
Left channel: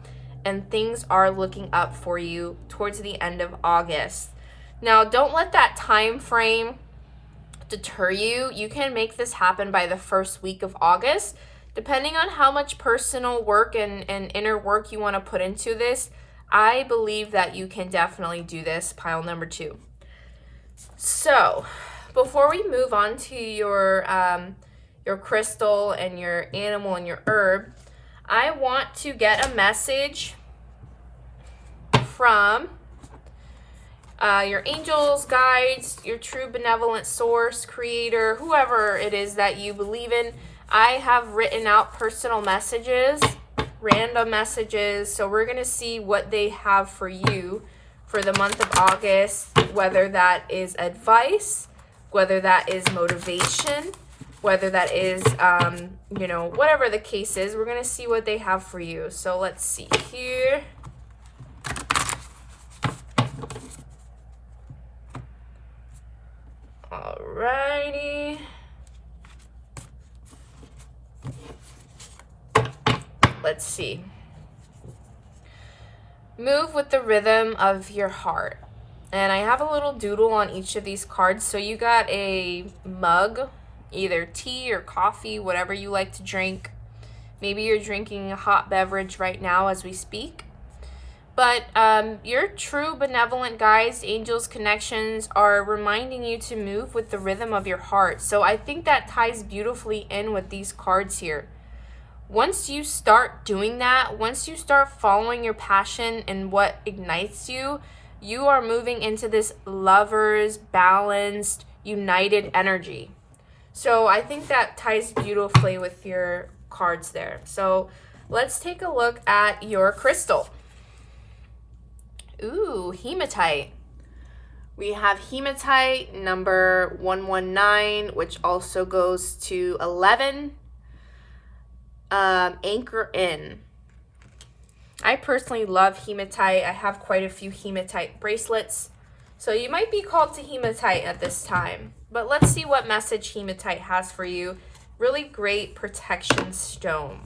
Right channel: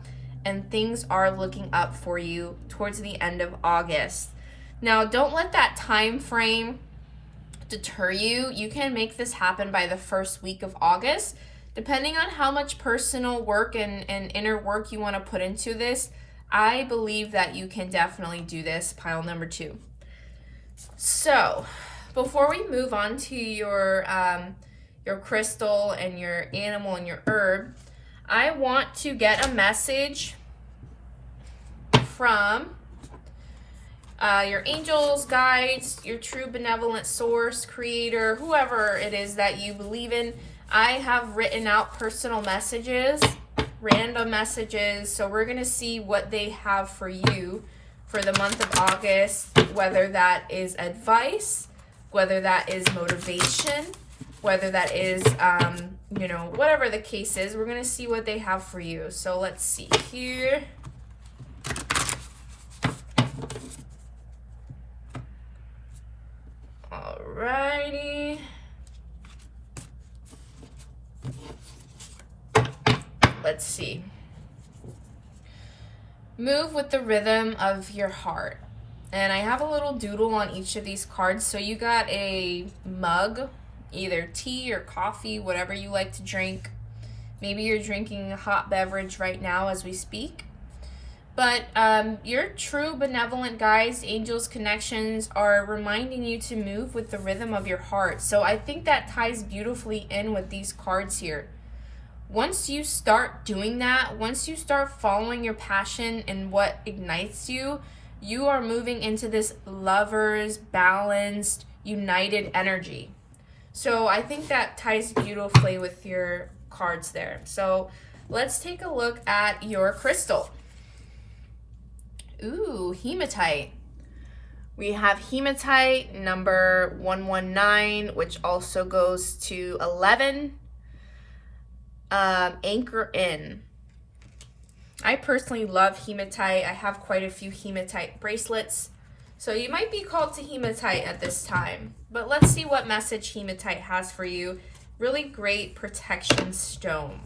and things are looking up for you towards the end of August. Now, don't let that time frame deter you. You can make this happen by the first week of August. Depending on how much personal work and inner work you want to put into this, I believe that you can definitely do this, pile number 2. So, before we move on to your crystal and your animal and your herb, I want to get a message from your angels, guides, your true benevolent source, creator, whoever it is that you believe in. I have written out personal messages, random messages, so we're going to see what they have for you for the month of August, whether that is advice, whether that is motivation, whether that is, whatever the case is. We're going to see what they have for you. So let's see here. Alrighty. Let's see. Move with the rhythm of your heart. And I have a little doodle on each of these cards. So you got a mug, either tea or coffee, whatever you like to drink. Maybe you're drinking a hot beverage right now as we speak. But your true benevolent guides, angels, connections are reminding you to move with the rhythm of your heart. So I think that ties beautifully in with these cards here. Once you start doing that, once you start following your passion and what ignites you, you are moving into this Lovers, balanced, united energy. So I think that ties beautifully with your cards there. So let's take a look at your crystal. Ooh, hematite. We have hematite number 119, which also goes to 11. Anchor in. I personally love hematite. I have quite a few hematite bracelets. So you might be called to hematite at this time. But let's see what message hematite has for you. Really great protection stone.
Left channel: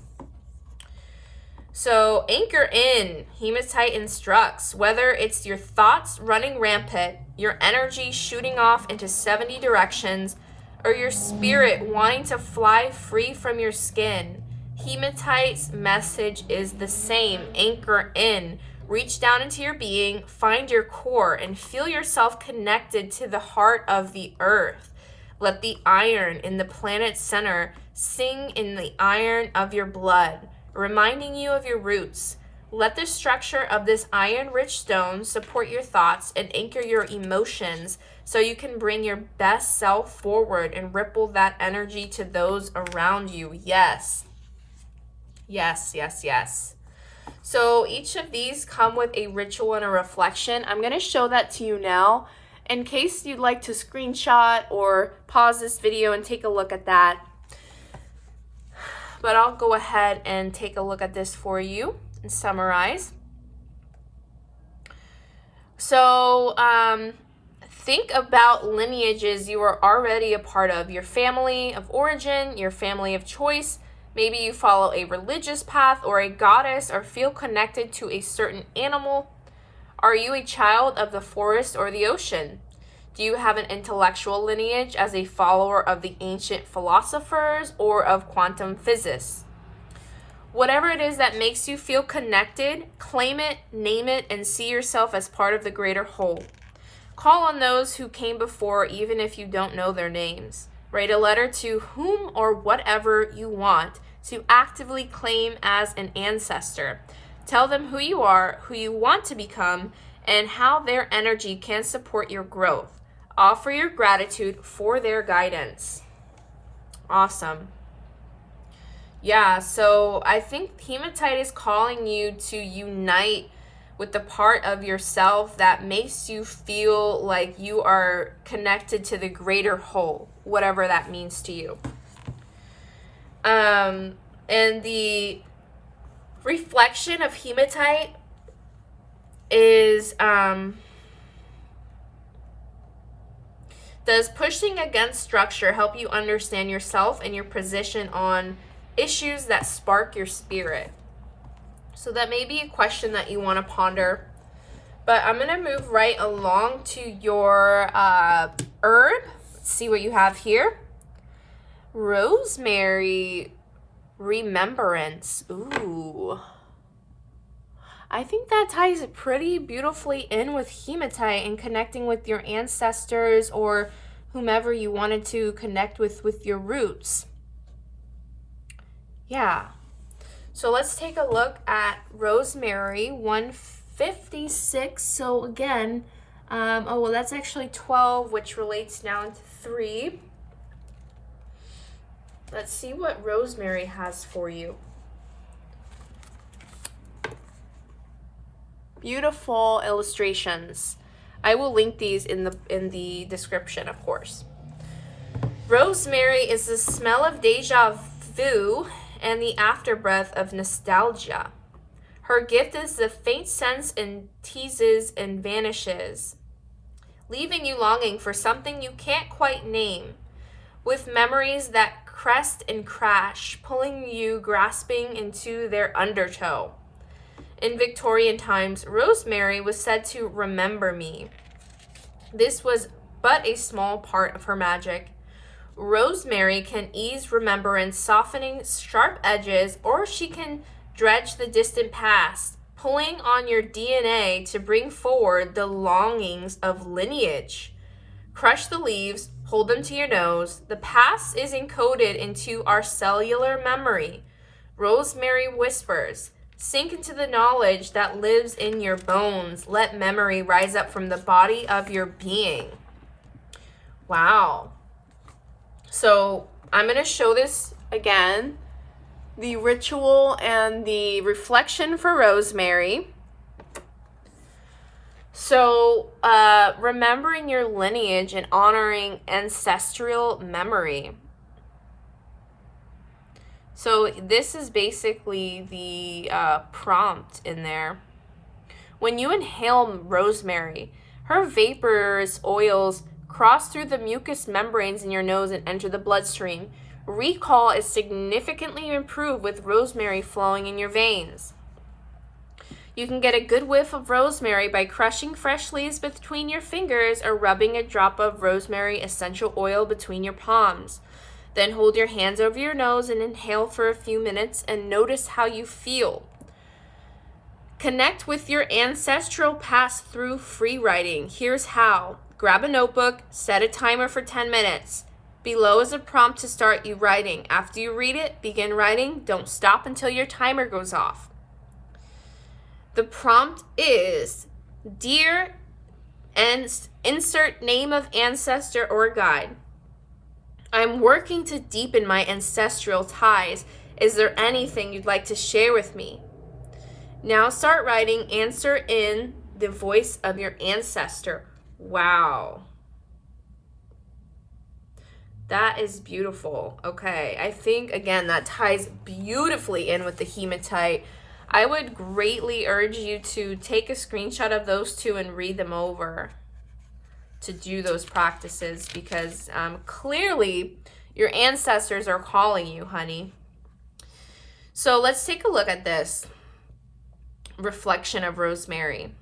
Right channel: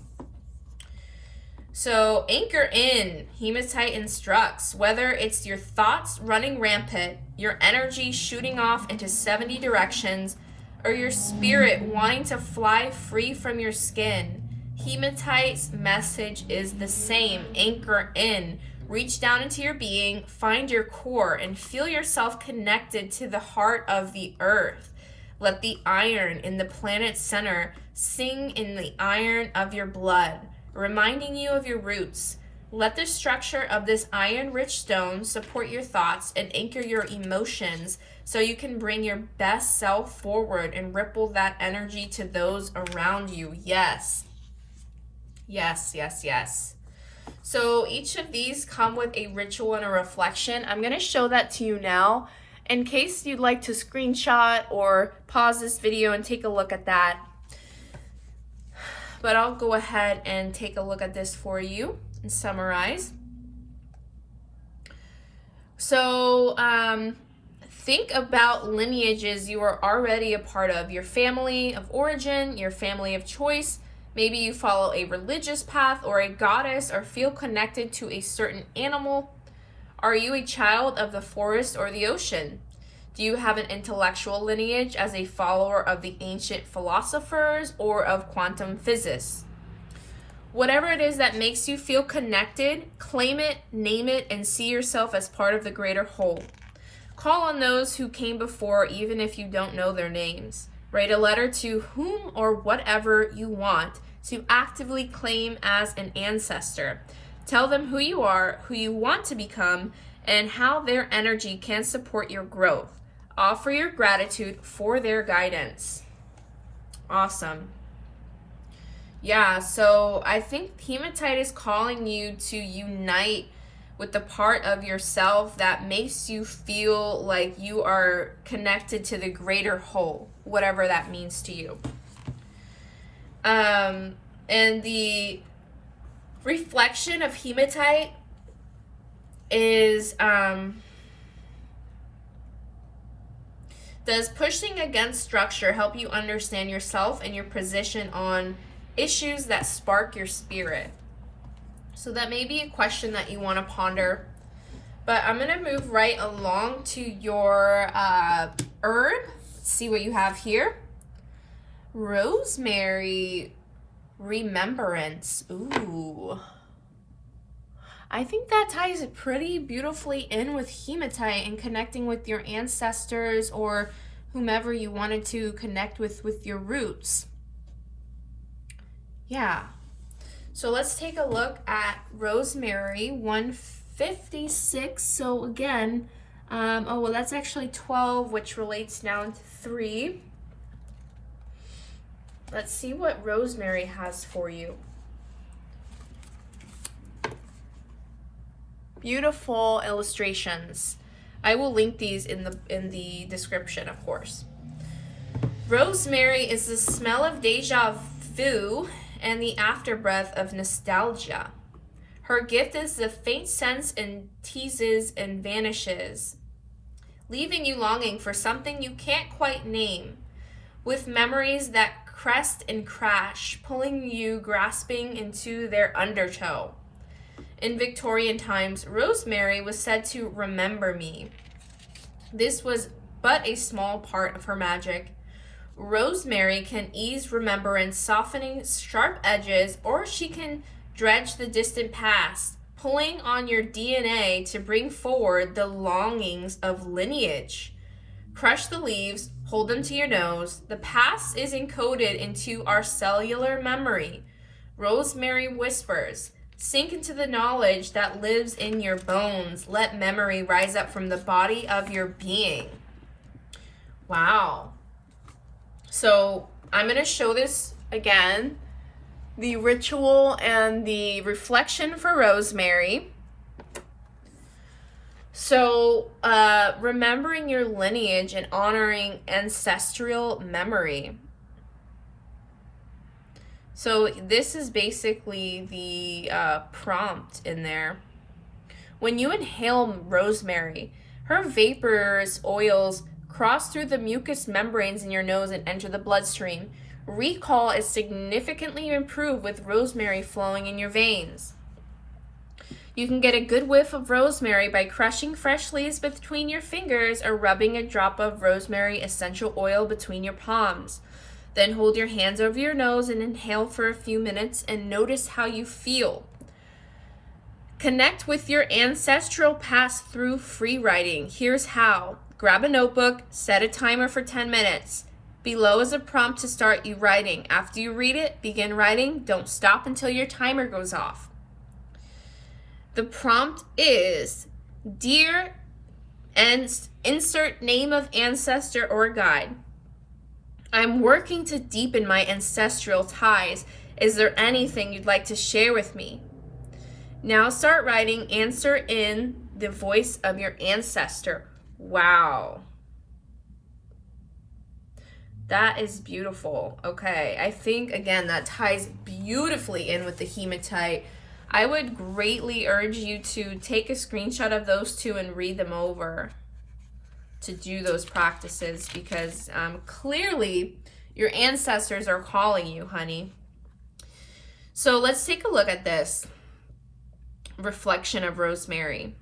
So anchor in. Hematite instructs, whether it's your thoughts running rampant, your energy shooting off into 70 directions, or your spirit wanting to fly free from your skin, Hematite's message is the same. Anchor in. Reach down into your being, find your core, and feel yourself connected to the heart of the earth. Let the iron in the planet's center sing in the iron of your blood, reminding you of your roots. Let the structure of this iron-rich stone support your thoughts and anchor your emotions so you can bring your best self forward and ripple that energy to those around you. Yes. Yes, yes, yes. So each of these come with a ritual and a reflection. I'm going to show that to you now in case you'd like to screenshot or pause this video and take a look at that. But I'll go ahead and take a look at this for you and summarize. So think about lineages you are already a part of, your family of origin, your family of choice. Maybe you follow a religious path or a goddess or feel connected to a certain animal. Are you a child of the forest or the ocean? Do you have an intellectual lineage as a follower of the ancient philosophers or of quantum physics? Whatever it is that makes you feel connected, claim it, name it, and see yourself as part of the greater whole. Call on those who came before, even if you don't know their names. Write a letter to whom or whatever you want to actively claim as an ancestor. Tell them who you are, who you want to become, and how their energy can support your growth. Offer your gratitude for their guidance. Awesome. Yeah, so I think hematite is calling you to unite with the part of yourself that makes you feel like you are connected to the greater whole, whatever that means to you. And the reflection of hematite is, does pushing against structure help you understand yourself and your position on issues that spark your spirit? So that may be a question that you want to ponder. But I'm going to move right along to your herb. Let's see what you have here. Rosemary remembrance. Ooh. I think that ties pretty beautifully in with hematite and connecting with your ancestors or whomever you wanted to connect with your roots. Yeah. So let's take a look at rosemary 156. So again, oh, well, that's actually 12, which relates down to 3. Let's see what rosemary has for you. Beautiful illustrations. I will link these in the description, of course. Rosemary is the smell of deja vu and the afterbreath of nostalgia. Her gift is the faint sense and teases and vanishes, leaving you longing for something you can't quite name, with memories that crest and crash, pulling you grasping into their undertow. In Victorian times, rosemary was said to remember me. This was but a small part of her magic. Rosemary can ease remembrance, softening sharp edges, or she can dredge the distant past, pulling on your DNA to bring forward the longings of lineage. Crush the leaves, hold them to your nose. The past is encoded into our cellular memory. Rosemary whispers, sink into the knowledge that lives in your bones. Let memory rise up from the body of your being. Wow. So I'm going to show this again, the ritual and the reflection for rosemary. So remembering your lineage and honoring ancestral memory. So this is basically the prompt in there. When you inhale rosemary, her vaporous oils cross through the mucous membranes in your nose and enter the bloodstream. Recall is significantly improved with rosemary flowing in your veins. You can get a good whiff of rosemary by crushing fresh leaves between your fingers or rubbing a drop of rosemary essential oil between your palms. Then hold your hands over your nose and inhale for a few minutes and notice how you feel. Connect with your ancestral past through free writing. Here's how. Grab a notebook, set a timer for 10 minutes. Below is a prompt to start you writing. After you read it, begin writing. Don't stop until your timer goes off. The prompt is, Dear, and insert name of ancestor or guide. I'm working to deepen my ancestral ties. Is there anything you'd like to share with me? Now start writing. Answer in the voice of your ancestor. Wow. That is beautiful. Okay, I think, again, that ties beautifully in with the hematite. I would greatly urge you to take a screenshot of those two and read them over to do those practices, because clearly your ancestors are calling you, honey. So let's take a look at this reflection of Rosemary.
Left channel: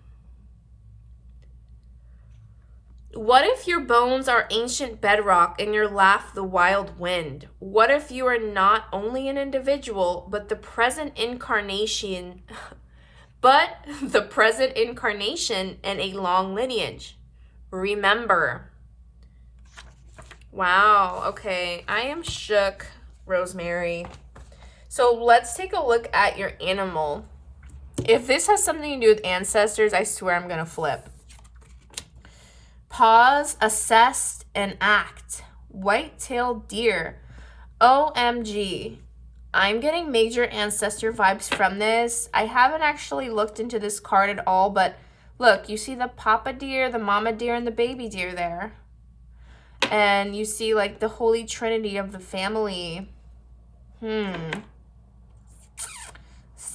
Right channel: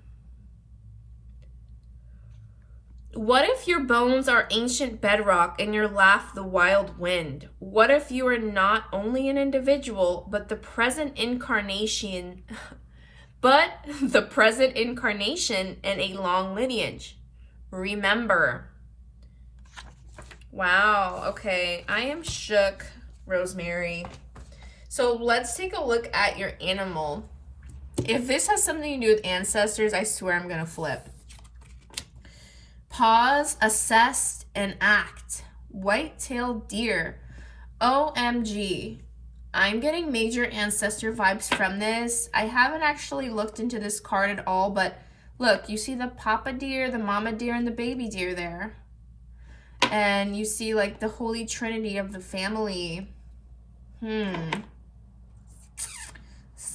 What if your bones are ancient bedrock and your laugh the wild wind? What if you are not only an individual, but the present incarnation and a long lineage? Remember. Wow, okay. I am shook, Rosemary. So let's take a look at your animal. If this has something to do with ancestors, I swear I'm going to flip. Pause, assess, and act. White-tailed deer. OMG. I'm getting major ancestor vibes from this. I haven't actually looked into this card at all, but look, you see the papa deer, the mama deer, and the baby deer there. And you see like the holy trinity of the family. This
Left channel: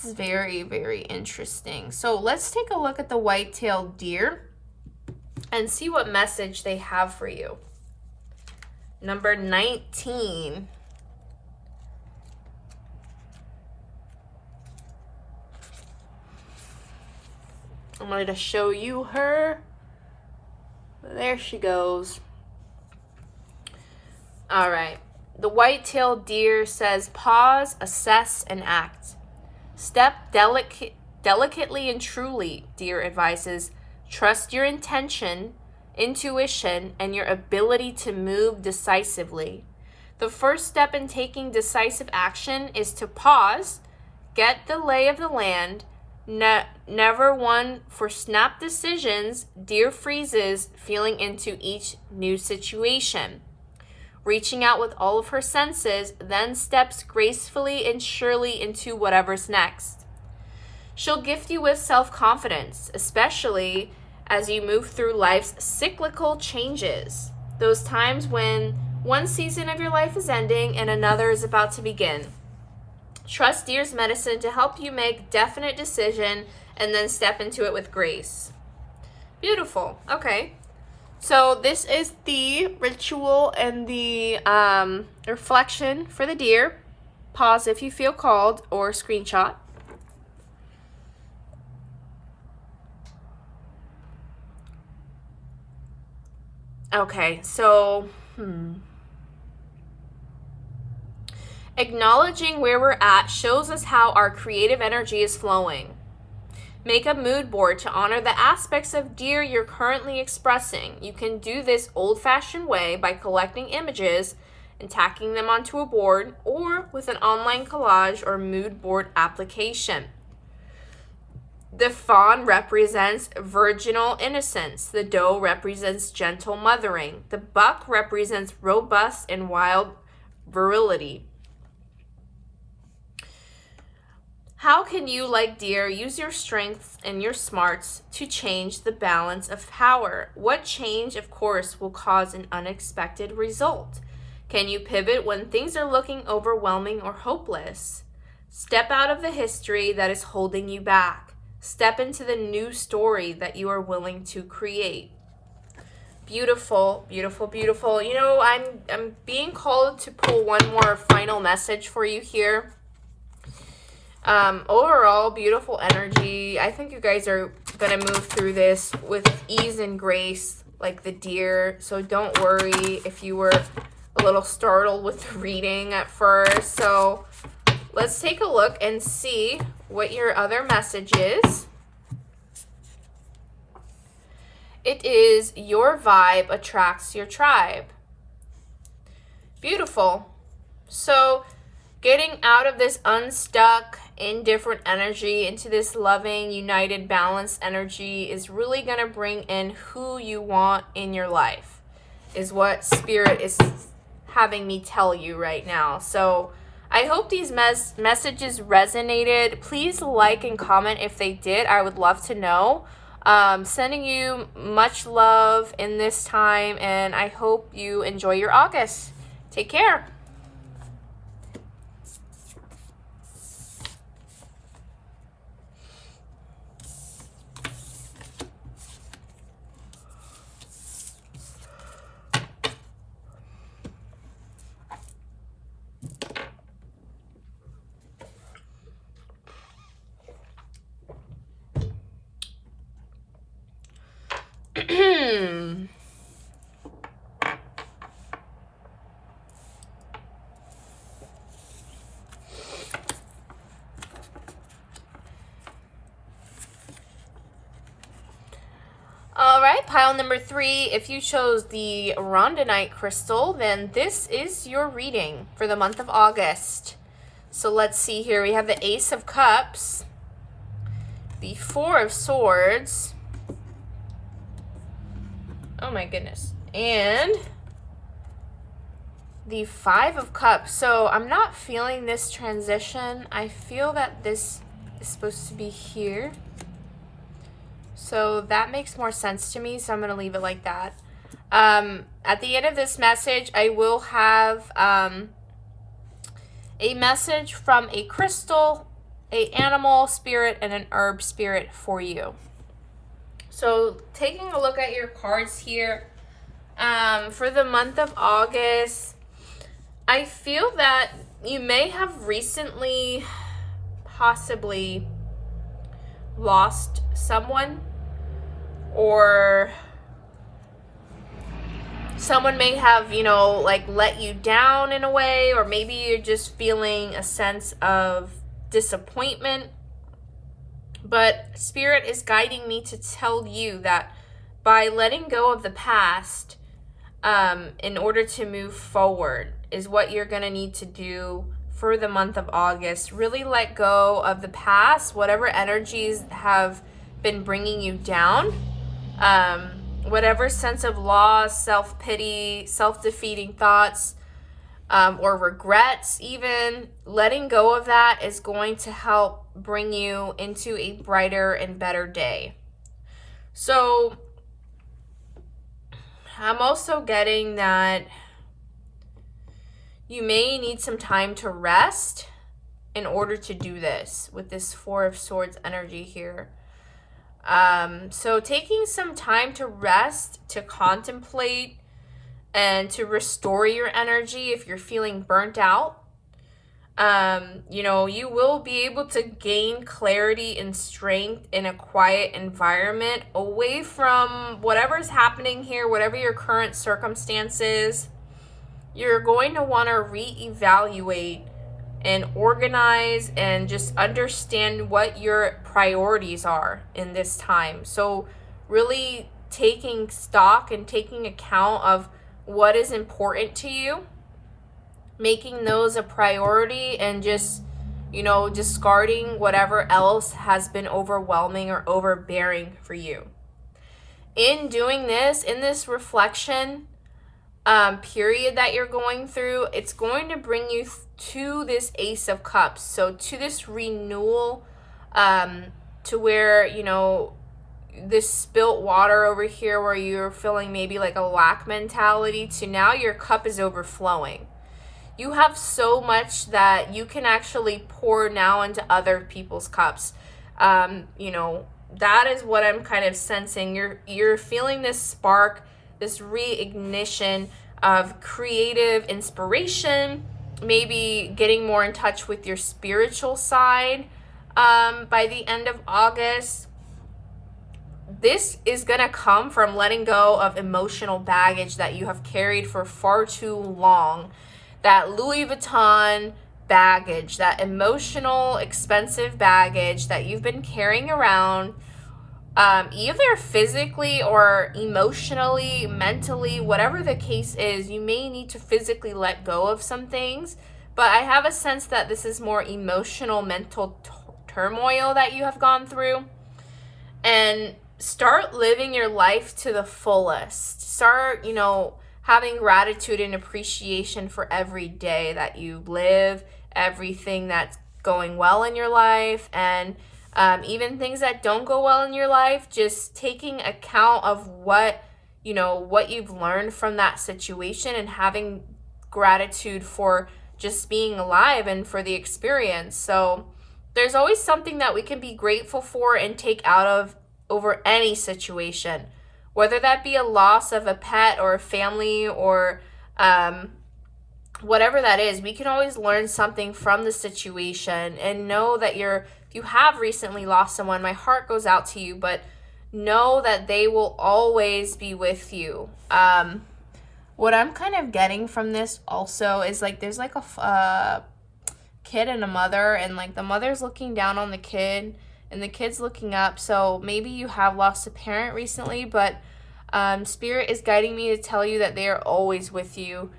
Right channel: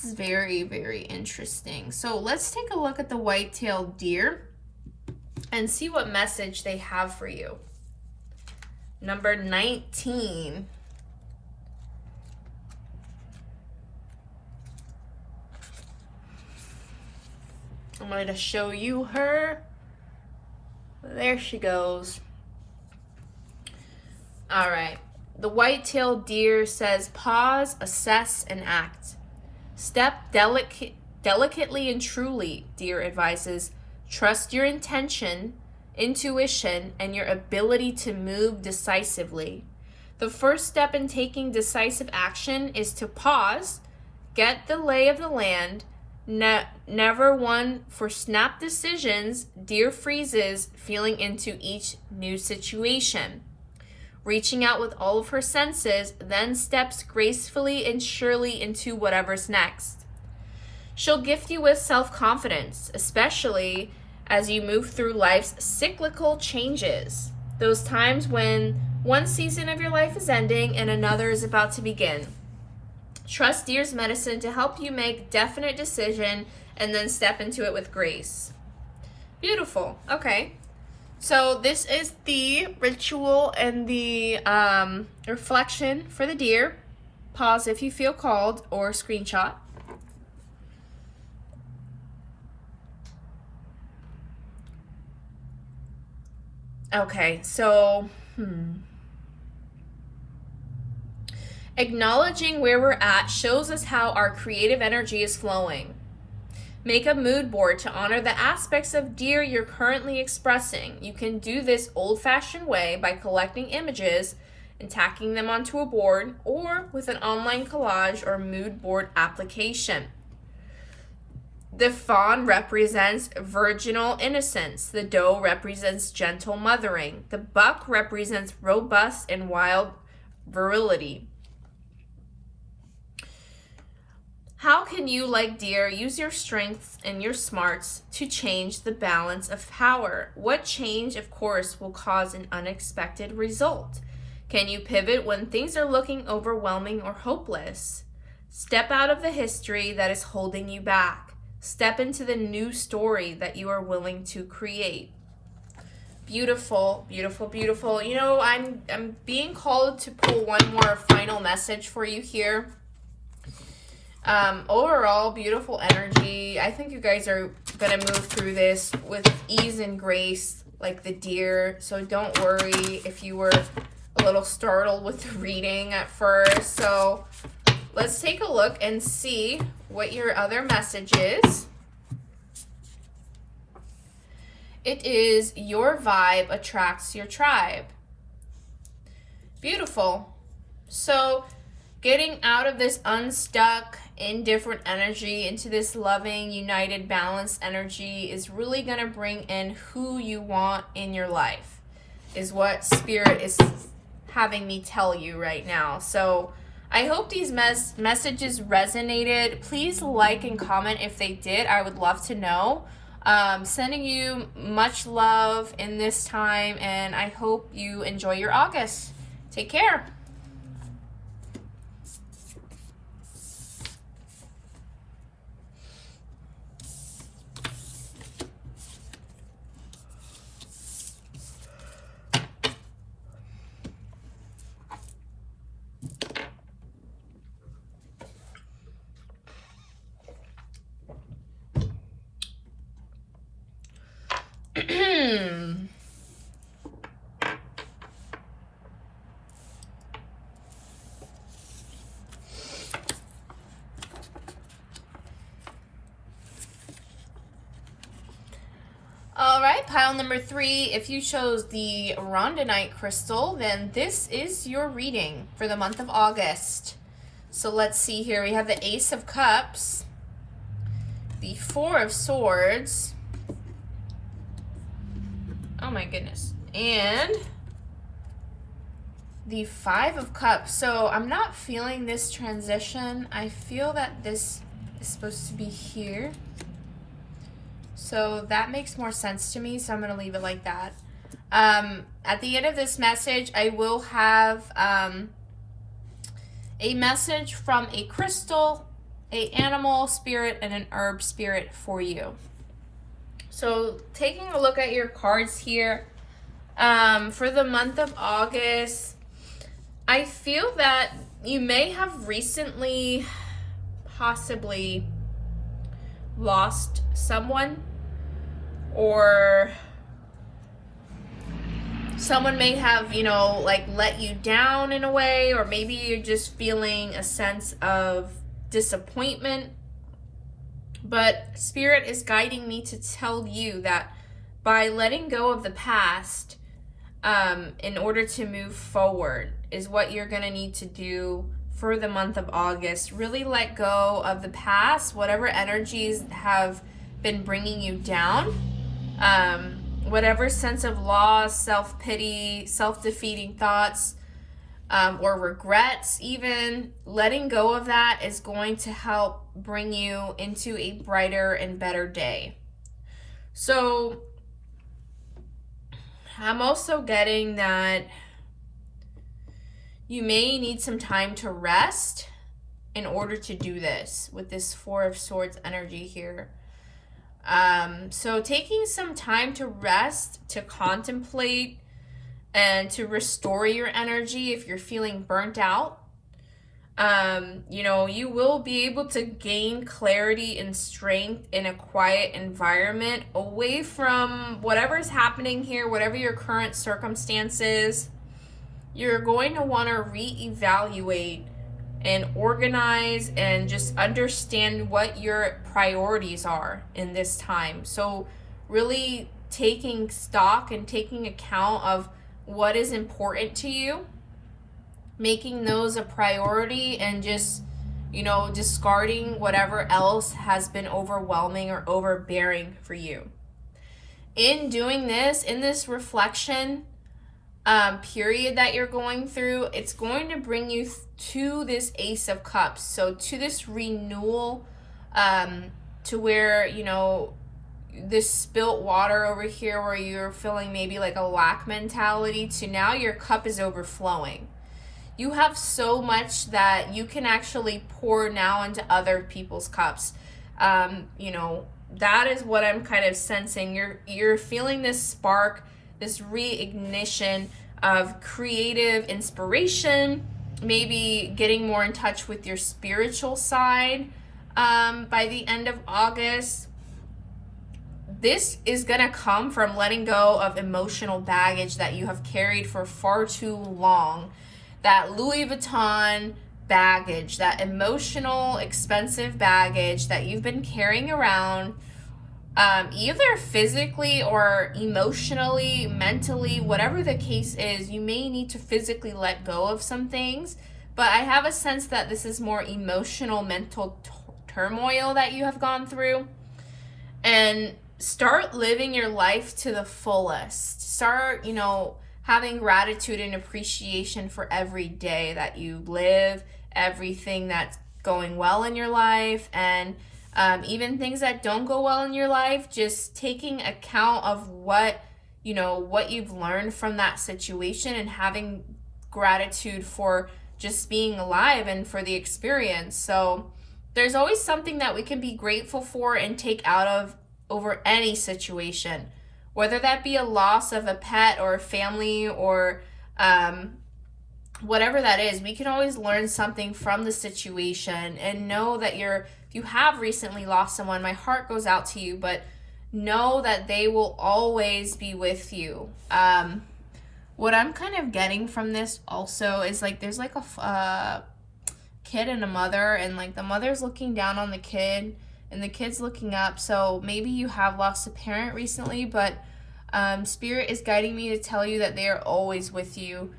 is very, very interesting. So let's take a look at the white-tailed deer and see what message they have for you. Number 19. I'm going to show you her. There she goes. All right. The white-tailed deer says, pause, assess, and act. Step delicately and truly, deer advises. Trust your intention, intuition, and your ability to move decisively. The first step in taking decisive action is to pause, get the lay of the land. Never one for snap decisions. Deer freezes, feeling into each new situation. Reaching out with all of her senses, then steps gracefully and surely into whatever's next. She'll gift you with self-confidence, especially as you move through life's cyclical changes. Those times when one season of your life is ending and another is about to begin. Trust deer's medicine to help you make definite decision and then step into it with grace. Beautiful. Okay. So this is the ritual and the reflection for the deer. Pause if you feel called or screenshot. Okay, so, acknowledging where we're at shows us how our creative energy is flowing. Make a mood board to honor the aspects of deer you're currently expressing. You can do this old-fashioned way by collecting images and tacking them onto a board, or with an online collage or mood board application. The fawn represents virginal innocence. The doe represents gentle mothering. The buck represents robust and wild virility. How can you, like deer, use your strengths and your smarts to change the balance of power? What change, of course, will cause an unexpected result? Can you pivot when things are looking overwhelming or hopeless? Step out of the history that is holding you back. Step into the new story that you are willing to create. Beautiful, beautiful, beautiful. You know, I'm being called to pull one more final message for you here. Overall, beautiful energy. I think you guys are going to move through this with ease and grace like the deer. So don't worry if you were a little startled with the reading at first. So let's take a look and see what your other message is. It is your vibe attracts your tribe. Beautiful. So getting out of this unstuck, indifferent energy into this loving, united, balanced energy is really going to bring in who you want in your life, is what Spirit is having me tell you right now. So I hope these messages resonated. Please like and comment if they did. I would love to know. Sending you much love in this time, and I hope you enjoy your August. Take care. All right, pile number 3. If you chose the rhodonite crystal, then this is your reading for the month of August. So let's see here. We have the Ace of Cups, the Four of Swords. Oh my goodness. And the Five of Cups. So I'm not feeling this transition. I feel that this is supposed to be here. So that makes more sense to me, so I'm going to leave it like that. At the end of this message, I will have a message from a crystal, an animal spirit, and an herb spirit for you. So taking a look at your cards here, for the month of August, I feel that you may have recently possibly lost someone, or someone may have, like let you down in a way, or maybe you're just feeling a sense of disappointment. But Spirit is guiding me to tell you that by letting go of the past, in order to move forward, is what you're going to need to do for the month of August. Really let go of the past, whatever energies have been bringing you down, whatever sense of loss, self-pity, self-defeating thoughts, or regrets even. Letting go of that is going to help bring you into a brighter and better day. So I'm also getting that you may need some time to rest in order to do this with this Four of Swords energy here. So taking some time to rest, to contemplate, and to restore your energy if you're feeling burnt out. You will be able to gain clarity and strength in a quiet environment, away from whatever's happening here, whatever your current circumstances. You're going to want to reevaluate and organize and just understand what your priorities are in this time. So really taking stock and taking account of what is important to you, making those a priority, and just, discarding whatever else has been overwhelming or overbearing for you. In doing this, in this reflection period that you're going through, it's going to bring you to this Ace of Cups. So to this renewal, to where, this spilt water over here where you're feeling maybe like a lack mentality, to now your cup is overflowing. You have so much that you can actually pour now into other people's cups. That is what I'm kind of sensing. You're feeling this spark, this reignition of creative inspiration, maybe getting more in touch with your spiritual side by the end of August. this is going to come from letting go of emotional baggage that you have carried for far too long. That Louis Vuitton baggage, that emotional, expensive baggage that you've been carrying around, either physically or emotionally, mentally, whatever the case is. You may need to physically let go of some things, but I have a sense that this is more emotional, mental turmoil that you have gone through. And start living your life to the fullest. Start, having gratitude and appreciation for every day that you live, everything that's going well in your life, and even things that don't go well in your life, just taking account of what you've learned from that situation and having gratitude for just being alive and for the experience. So there's always something that we can be grateful for and take out of over any situation, whether that be a loss of a pet or a family or whatever that is. We can always learn something from the situation and know that you have recently lost someone. My heart goes out to you, but know that they will always be with you. What I'm kind of getting from this also is like there's like a kid and a mother, and like the mother's looking down on the kid and the kid's looking up. So maybe you have lost a parent recently, but Spirit is guiding me to tell you that they are always with you.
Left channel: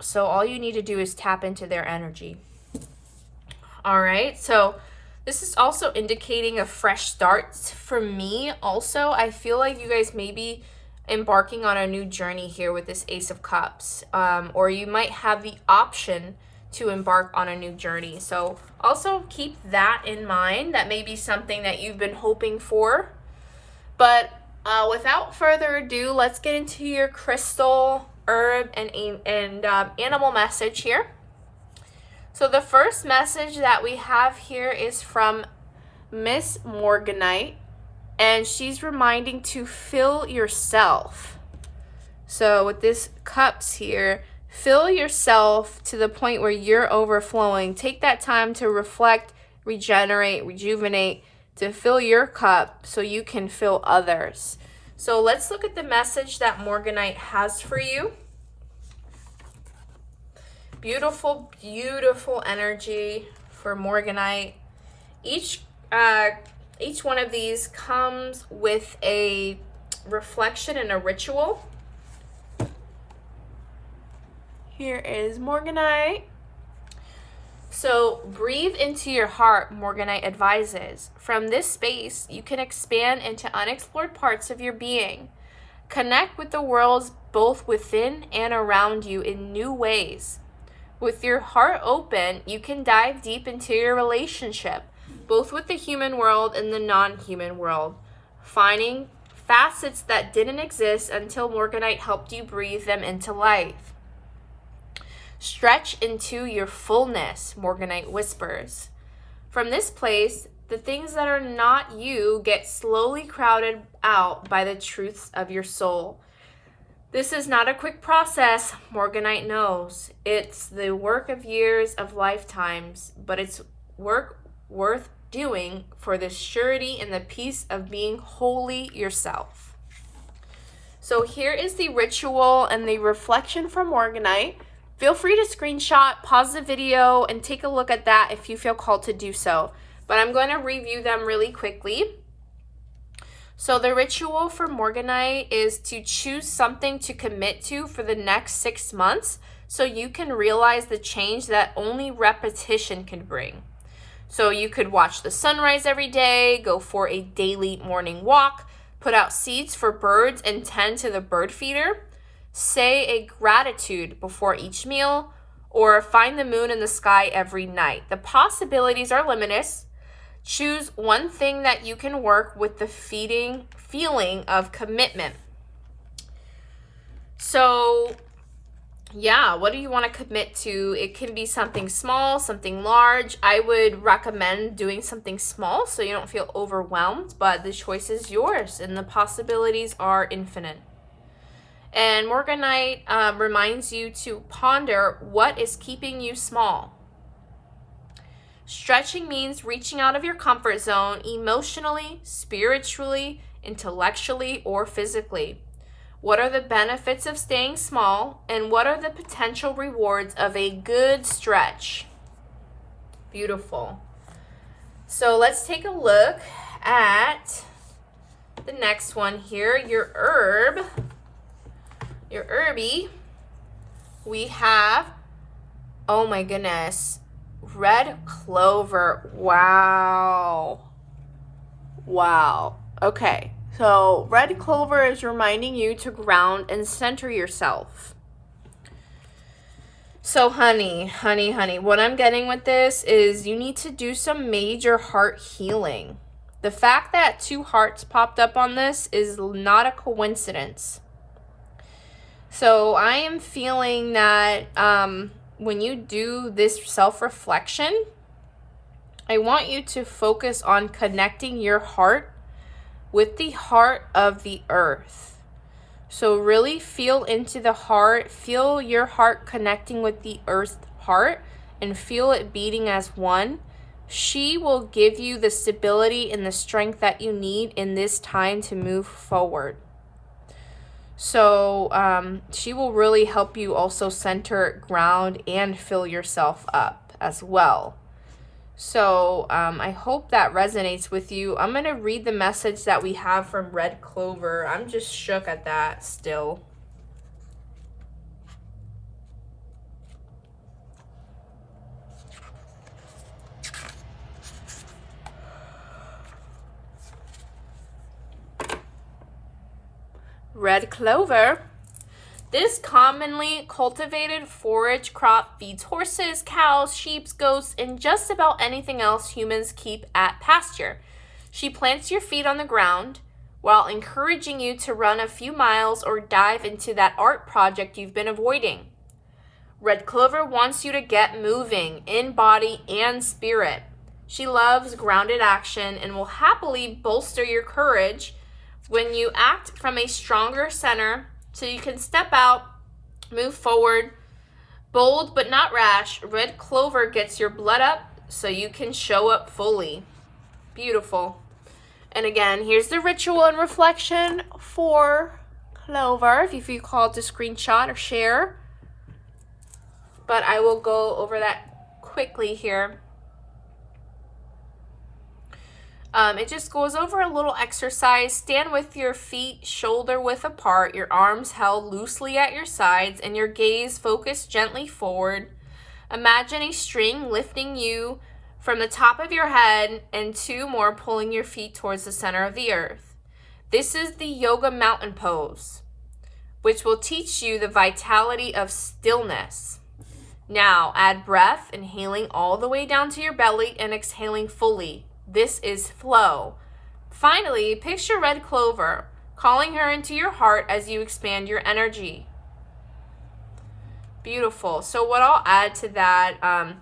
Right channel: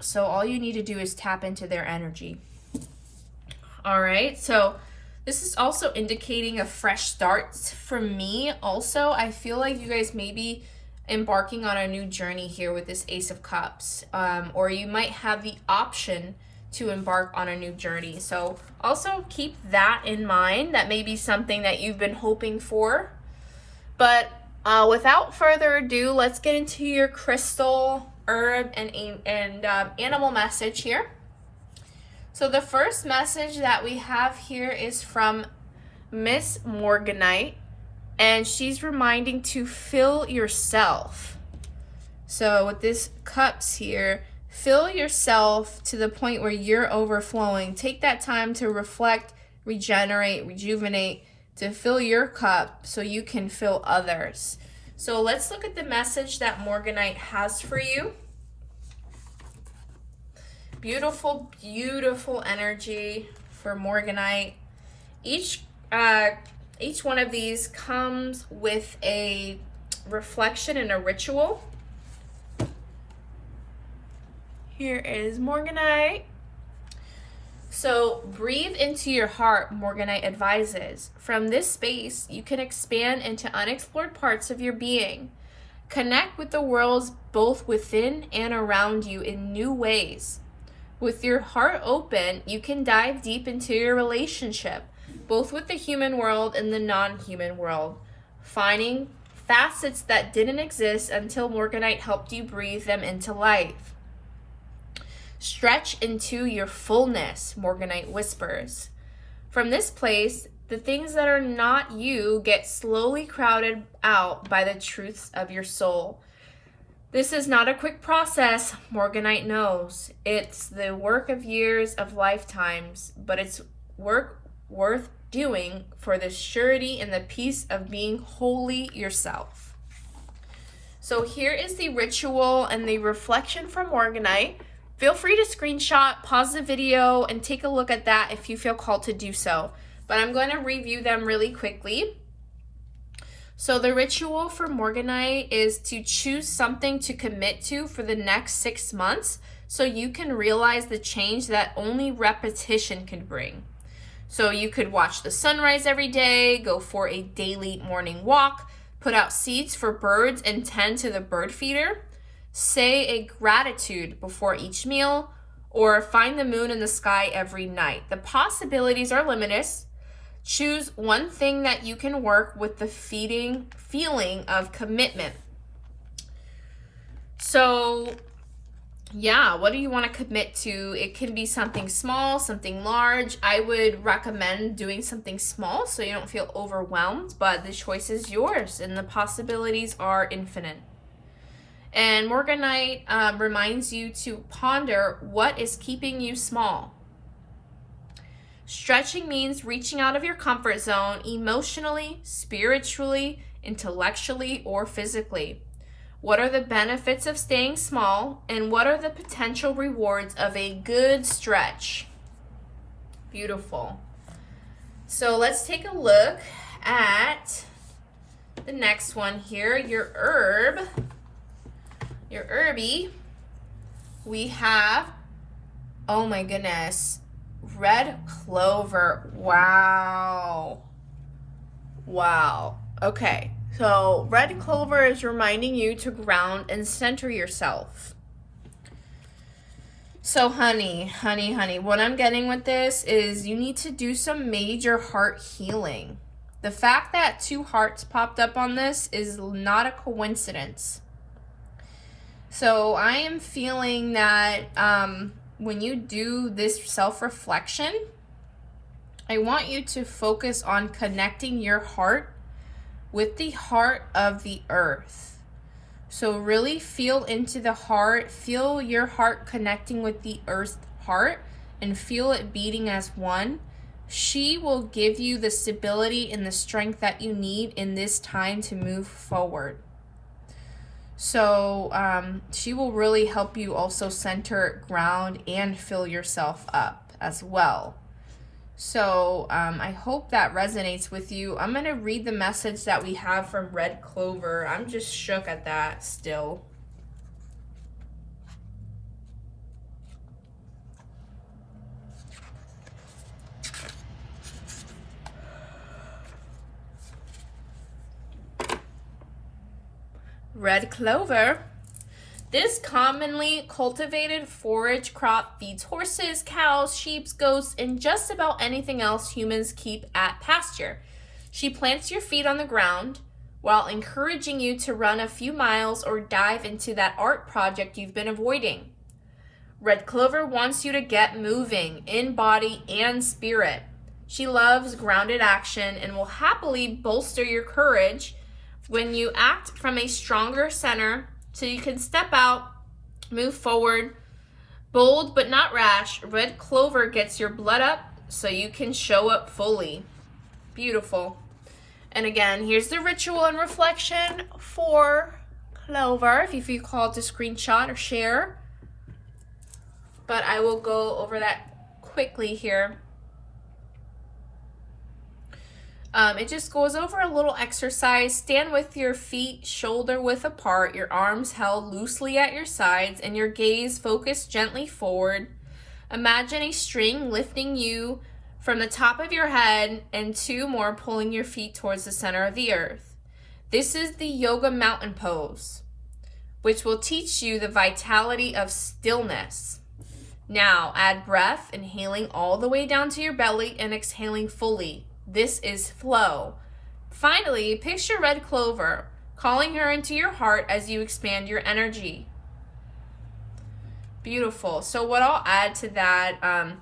So all you need to do is tap into their energy. All right, so this is also indicating a fresh start for me. Also, I feel like you guys may be embarking on a new journey here with this Ace of Cups, or you might have the option to embark on a new journey. So also keep that in mind. That may be something that you've been hoping for. But without further ado, let's get into your crystal, herb, and animal message here. So the first message that we have here is from Miss Morganite, and she's reminding to fill yourself. So with this cups here, fill yourself to the point where you're overflowing. Take that time to reflect, regenerate, rejuvenate, to fill your cup so you can fill others. So let's look at the message that Morganite has for you. Beautiful, beautiful energy for Morganite. Each one of these comes with a reflection and a ritual. Here is Morganite. So breathe into your heart, Morganite advises. From this space, you can expand into unexplored parts of your being. Connect with the worlds both within and around you in new ways. With your heart open, you can dive deep into your relationship, both with the human world and the non-human world, finding facets that didn't exist until Morganite helped you breathe them into life. Stretch into your fullness, Morganite whispers. From this place, the things that are not you get slowly crowded out by the truths of your soul. This is not a quick process, Morganite knows. It's the work of years of lifetimes, but it's work worth doing for the surety and the peace of being wholly yourself. So here is the ritual and the reflection from Morganite. Feel free to screenshot, pause the video, and take a look at that if you feel called to do so. But I'm going to review them really quickly. So the ritual for Morganite is to choose something to commit to for the next 6 months so you can realize the change that only repetition can bring. So you could watch the sunrise every day, go for a daily morning walk, put out seeds for birds and tend to the bird feeder, say a gratitude before each meal, or find the moon in the sky every night. The possibilities are limitless. Choose one thing that you can work with the feeling of commitment. So, yeah, what do you want to commit to? It can be something small, something large. I would recommend doing something small so you don't feel overwhelmed, but the choice is yours and the possibilities are infinite. And Morganite reminds you to ponder what is keeping you small. Stretching means reaching out of your comfort zone emotionally, spiritually, intellectually, or physically. What are the benefits of staying small, and what are the potential rewards of a good stretch? Beautiful. So let's take a look at the next one here, your herby. We have, oh my goodness, red clover. Wow. Okay, so red clover is reminding you to ground and center yourself. So honey, what I'm getting with this is you need to do some major heart healing. The fact that 2 hearts popped up on this is not a coincidence. So I am feeling that when you do this self-reflection, I want you to focus on connecting your heart with the heart of the earth. So really feel into the heart, feel your heart connecting with the earth's heart, and feel it beating as one. She will give you the stability and the strength that you need in this time to move forward. So she will really help you also center, ground, and fill yourself up as well. So I hope that resonates with you. I'm going to read the message that we have from red clover. I'm just shook at that still. Red clover. This commonly cultivated forage crop feeds horses, cows, sheep, goats, and just about anything else humans keep at pasture. She plants your feet on the ground while encouraging you to run a few miles or dive into that art project you've been avoiding. Red clover wants you to get moving in body and spirit. She loves grounded action and will happily bolster your courage when you act from a stronger center so you can step out, move forward, bold but not rash. Red clover gets your blood up so you can show up fully. Beautiful. And again, here's the ritual and reflection for clover, if you call it to screenshot or share. But I will go over that quickly here. It just goes over a little exercise. Stand with your feet shoulder width apart, your arms held loosely at your sides, and your gaze focused gently forward. Imagine a string lifting you from the top of your head and 2 more pulling your feet towards the center of the earth. This is the yoga mountain pose, which will teach you the vitality of stillness. Now add breath, inhaling all the way down to your belly and exhaling fully. This is flow. Finally, picture red clover, calling her into your heart as you expand your energy. Beautiful. So what I'll add to that,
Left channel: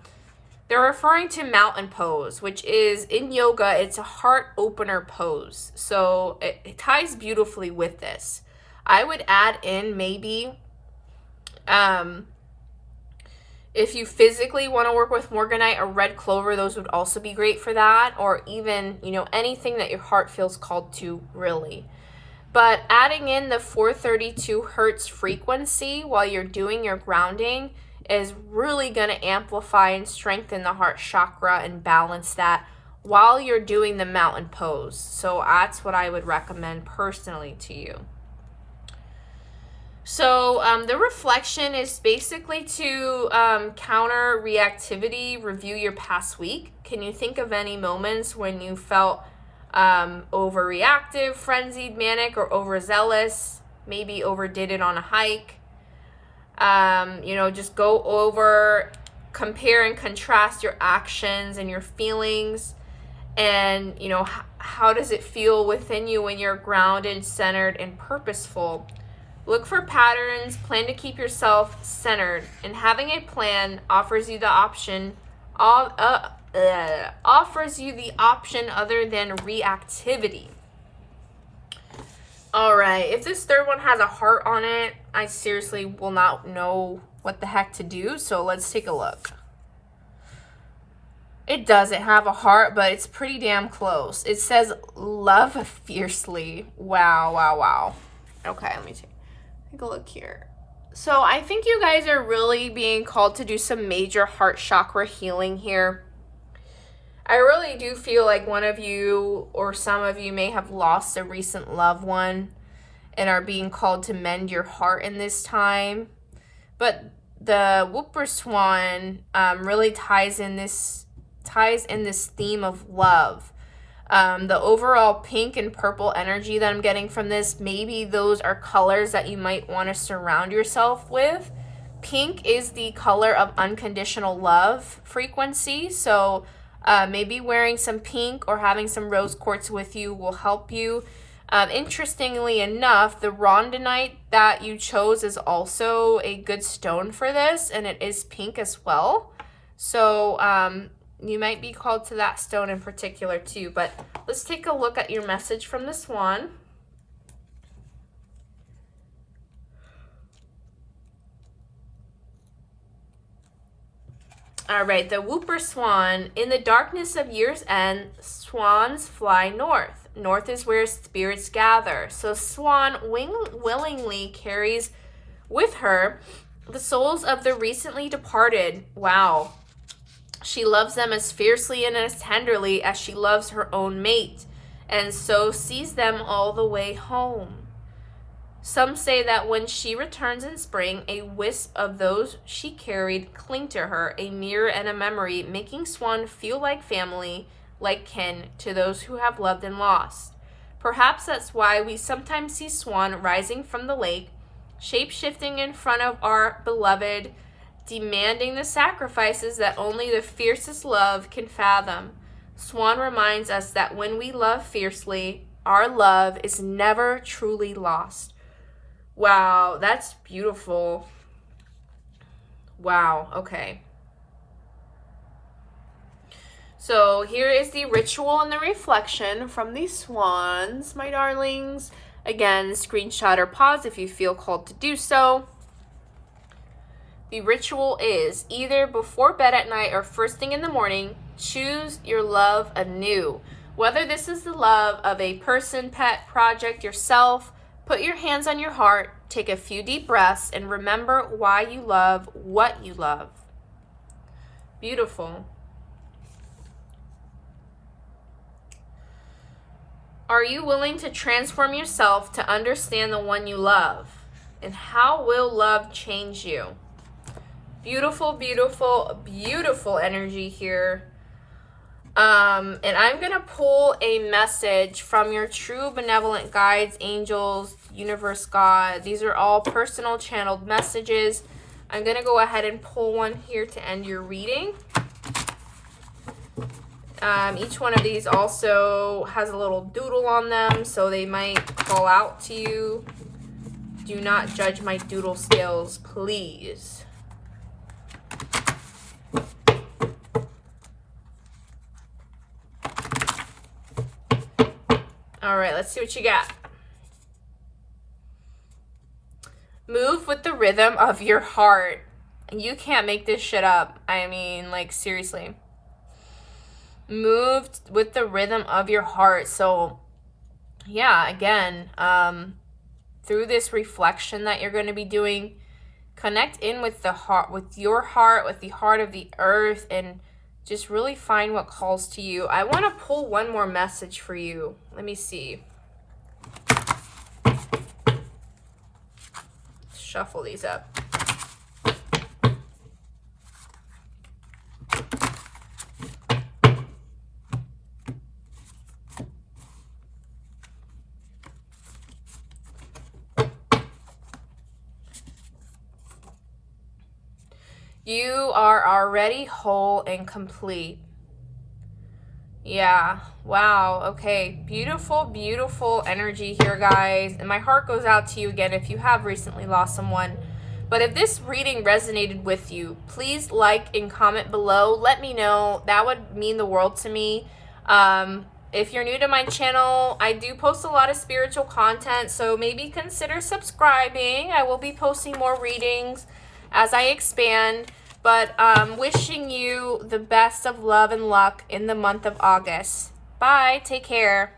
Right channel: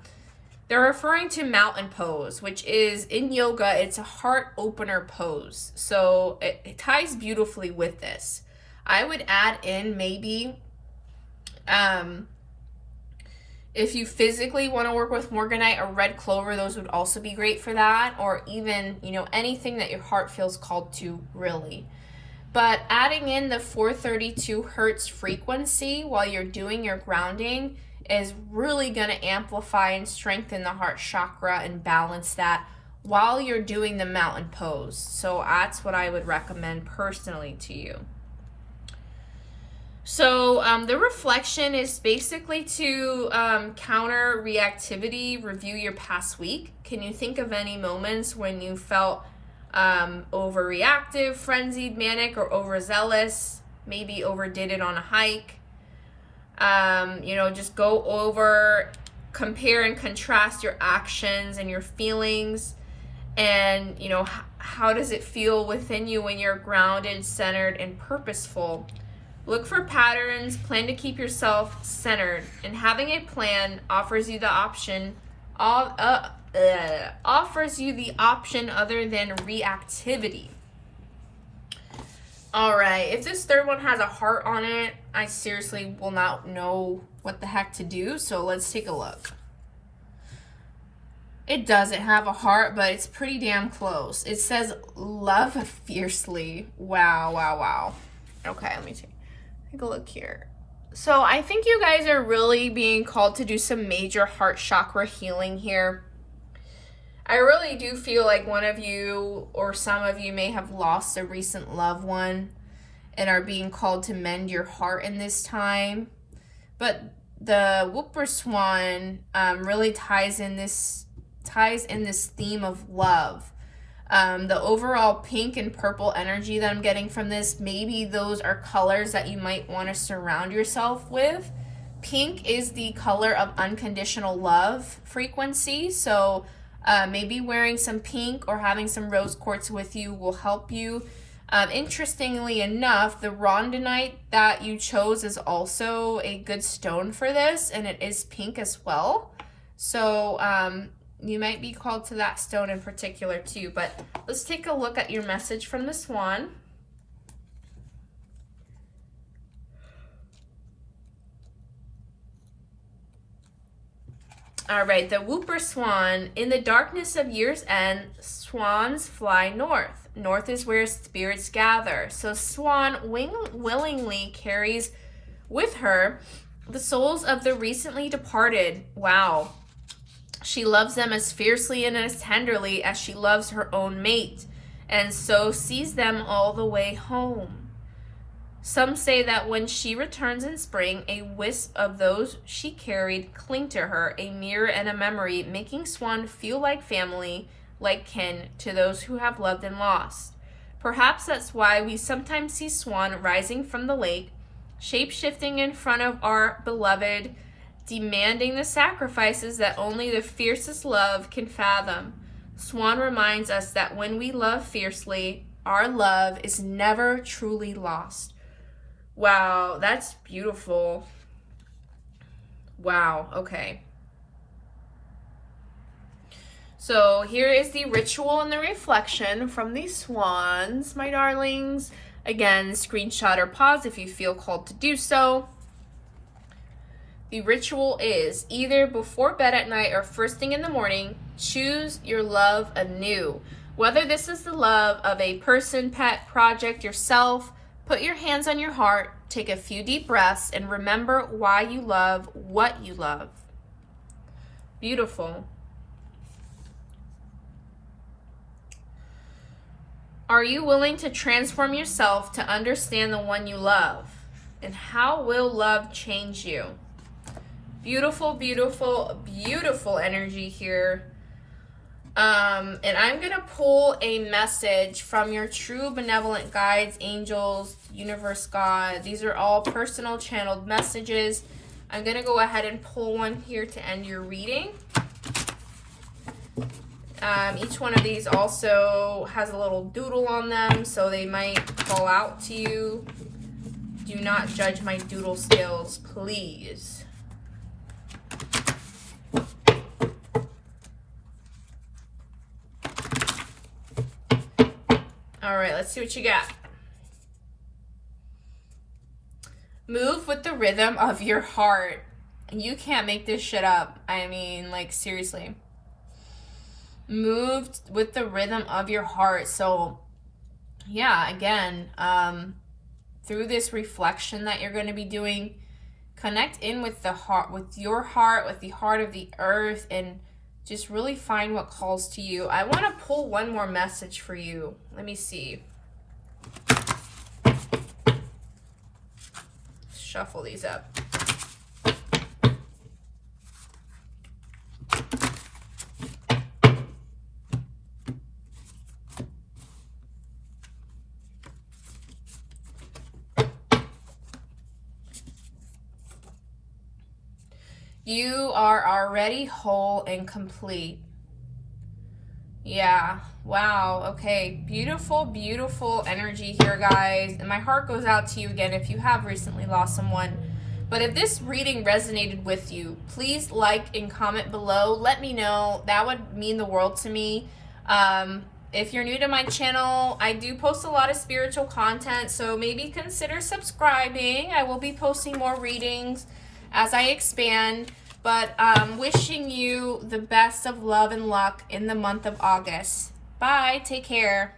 they're referring to mountain pose, which is in yoga, it's a heart opener pose. So it ties beautifully with this. I would add in maybe, if you physically want to work with morganite or red clover, those would also be great for that. Or even, anything that your heart feels called to, really. But adding in the 432 hertz frequency while you're doing your grounding is really going to amplify and strengthen the heart chakra and balance that while you're doing the mountain pose. So that's what I would recommend personally to you. So the reflection is basically to counter reactivity, review your past week. Can you think of any moments when you felt overreactive, frenzied, manic, or overzealous? Maybe overdid it on a hike. Just go over, compare and contrast your actions and your feelings. And, how does it feel within you when you're grounded, centered, and purposeful? Look for patterns, plan to keep yourself centered, and having a plan offers you the option other than reactivity. All right, if this third one has a heart on it, I seriously will not know what the heck to do, so let's take a look. It doesn't have a heart, but it's pretty damn close. It says love fiercely. Wow, wow, wow. Okay, let me take a look here. So I think you guys are really being called to do some major heart chakra healing here. I really do feel like one of you or some of you may have lost a recent loved one and are being called to mend your heart in this time. But the Whooper Swan really ties in this theme of love. The overall pink and purple energy that I'm getting from this, maybe those are colors that you might want to surround yourself with. Pink is the color of unconditional love frequency, so maybe wearing some pink or having some rose quartz with you will help you. Interestingly enough, the rhodonite that you chose is also a good stone for this, and it is pink as well. So you might be called to that stone in particular too. But let's take a look at your message from the swan. All right, the Whooper Swan. In the darkness of year's end, swans fly north. North is where spirits gather. So Swan willingly carries with her the souls of the recently departed. Wow. She loves them as fiercely and as tenderly as she loves her own mate, and so sees them all the way home. Some say that when she returns in spring, a wisp of those she carried cling to her, a mirror and a memory, making Swan feel like family, like kin to those who have loved and lost. Perhaps that's why we sometimes see Swan rising from the lake, shape-shifting in front of our beloved, demanding the sacrifices that only the fiercest love can fathom. Swan reminds us that when we love fiercely, our love is never truly lost. Wow, that's beautiful. Wow, okay. So here is the ritual and the reflection from these swans, my darlings. Again, screenshot or pause if you feel called to do so. The ritual is either before bed at night or first thing in the morning, choose your love anew. Whether this is the love of a person, pet, project, yourself, put your hands on your heart, take a few deep breaths, and remember why you love what you love. Beautiful. Are you willing to transform yourself to understand the one you love? And how will love change you? Beautiful, beautiful, beautiful energy here. And I'm going to pull a message from your true benevolent guides, angels, universe, God. These are all personal channeled messages. I'm going to go ahead and pull one here to end your reading. Each one of these also has a little doodle on them, so they might call out to you. Do not judge my doodle skills, please. All right, let's see what you got. Move with the rhythm of your heart. You can't make this shit up. I mean, like, seriously. Move with the rhythm of your heart. So, yeah, again, through this reflection that you're going to be doing, connect in with the heart, with your heart, with the heart of the earth, and just really find what calls to you. I want to pull one more message for you. Let me see. Shuffle these up. You are already whole and complete. Yeah. Wow. Okay. Beautiful, beautiful energy here, guys. And my heart goes out to you again if you have recently lost someone. But if this reading resonated with you, please like and comment below. Let me know. That would mean the world to me. If you're new to my channel, I do post a lot of spiritual content, so maybe consider subscribing. I will be posting more readings as I expand. But wishing you the best of love and luck in the month of August. Bye. Take care.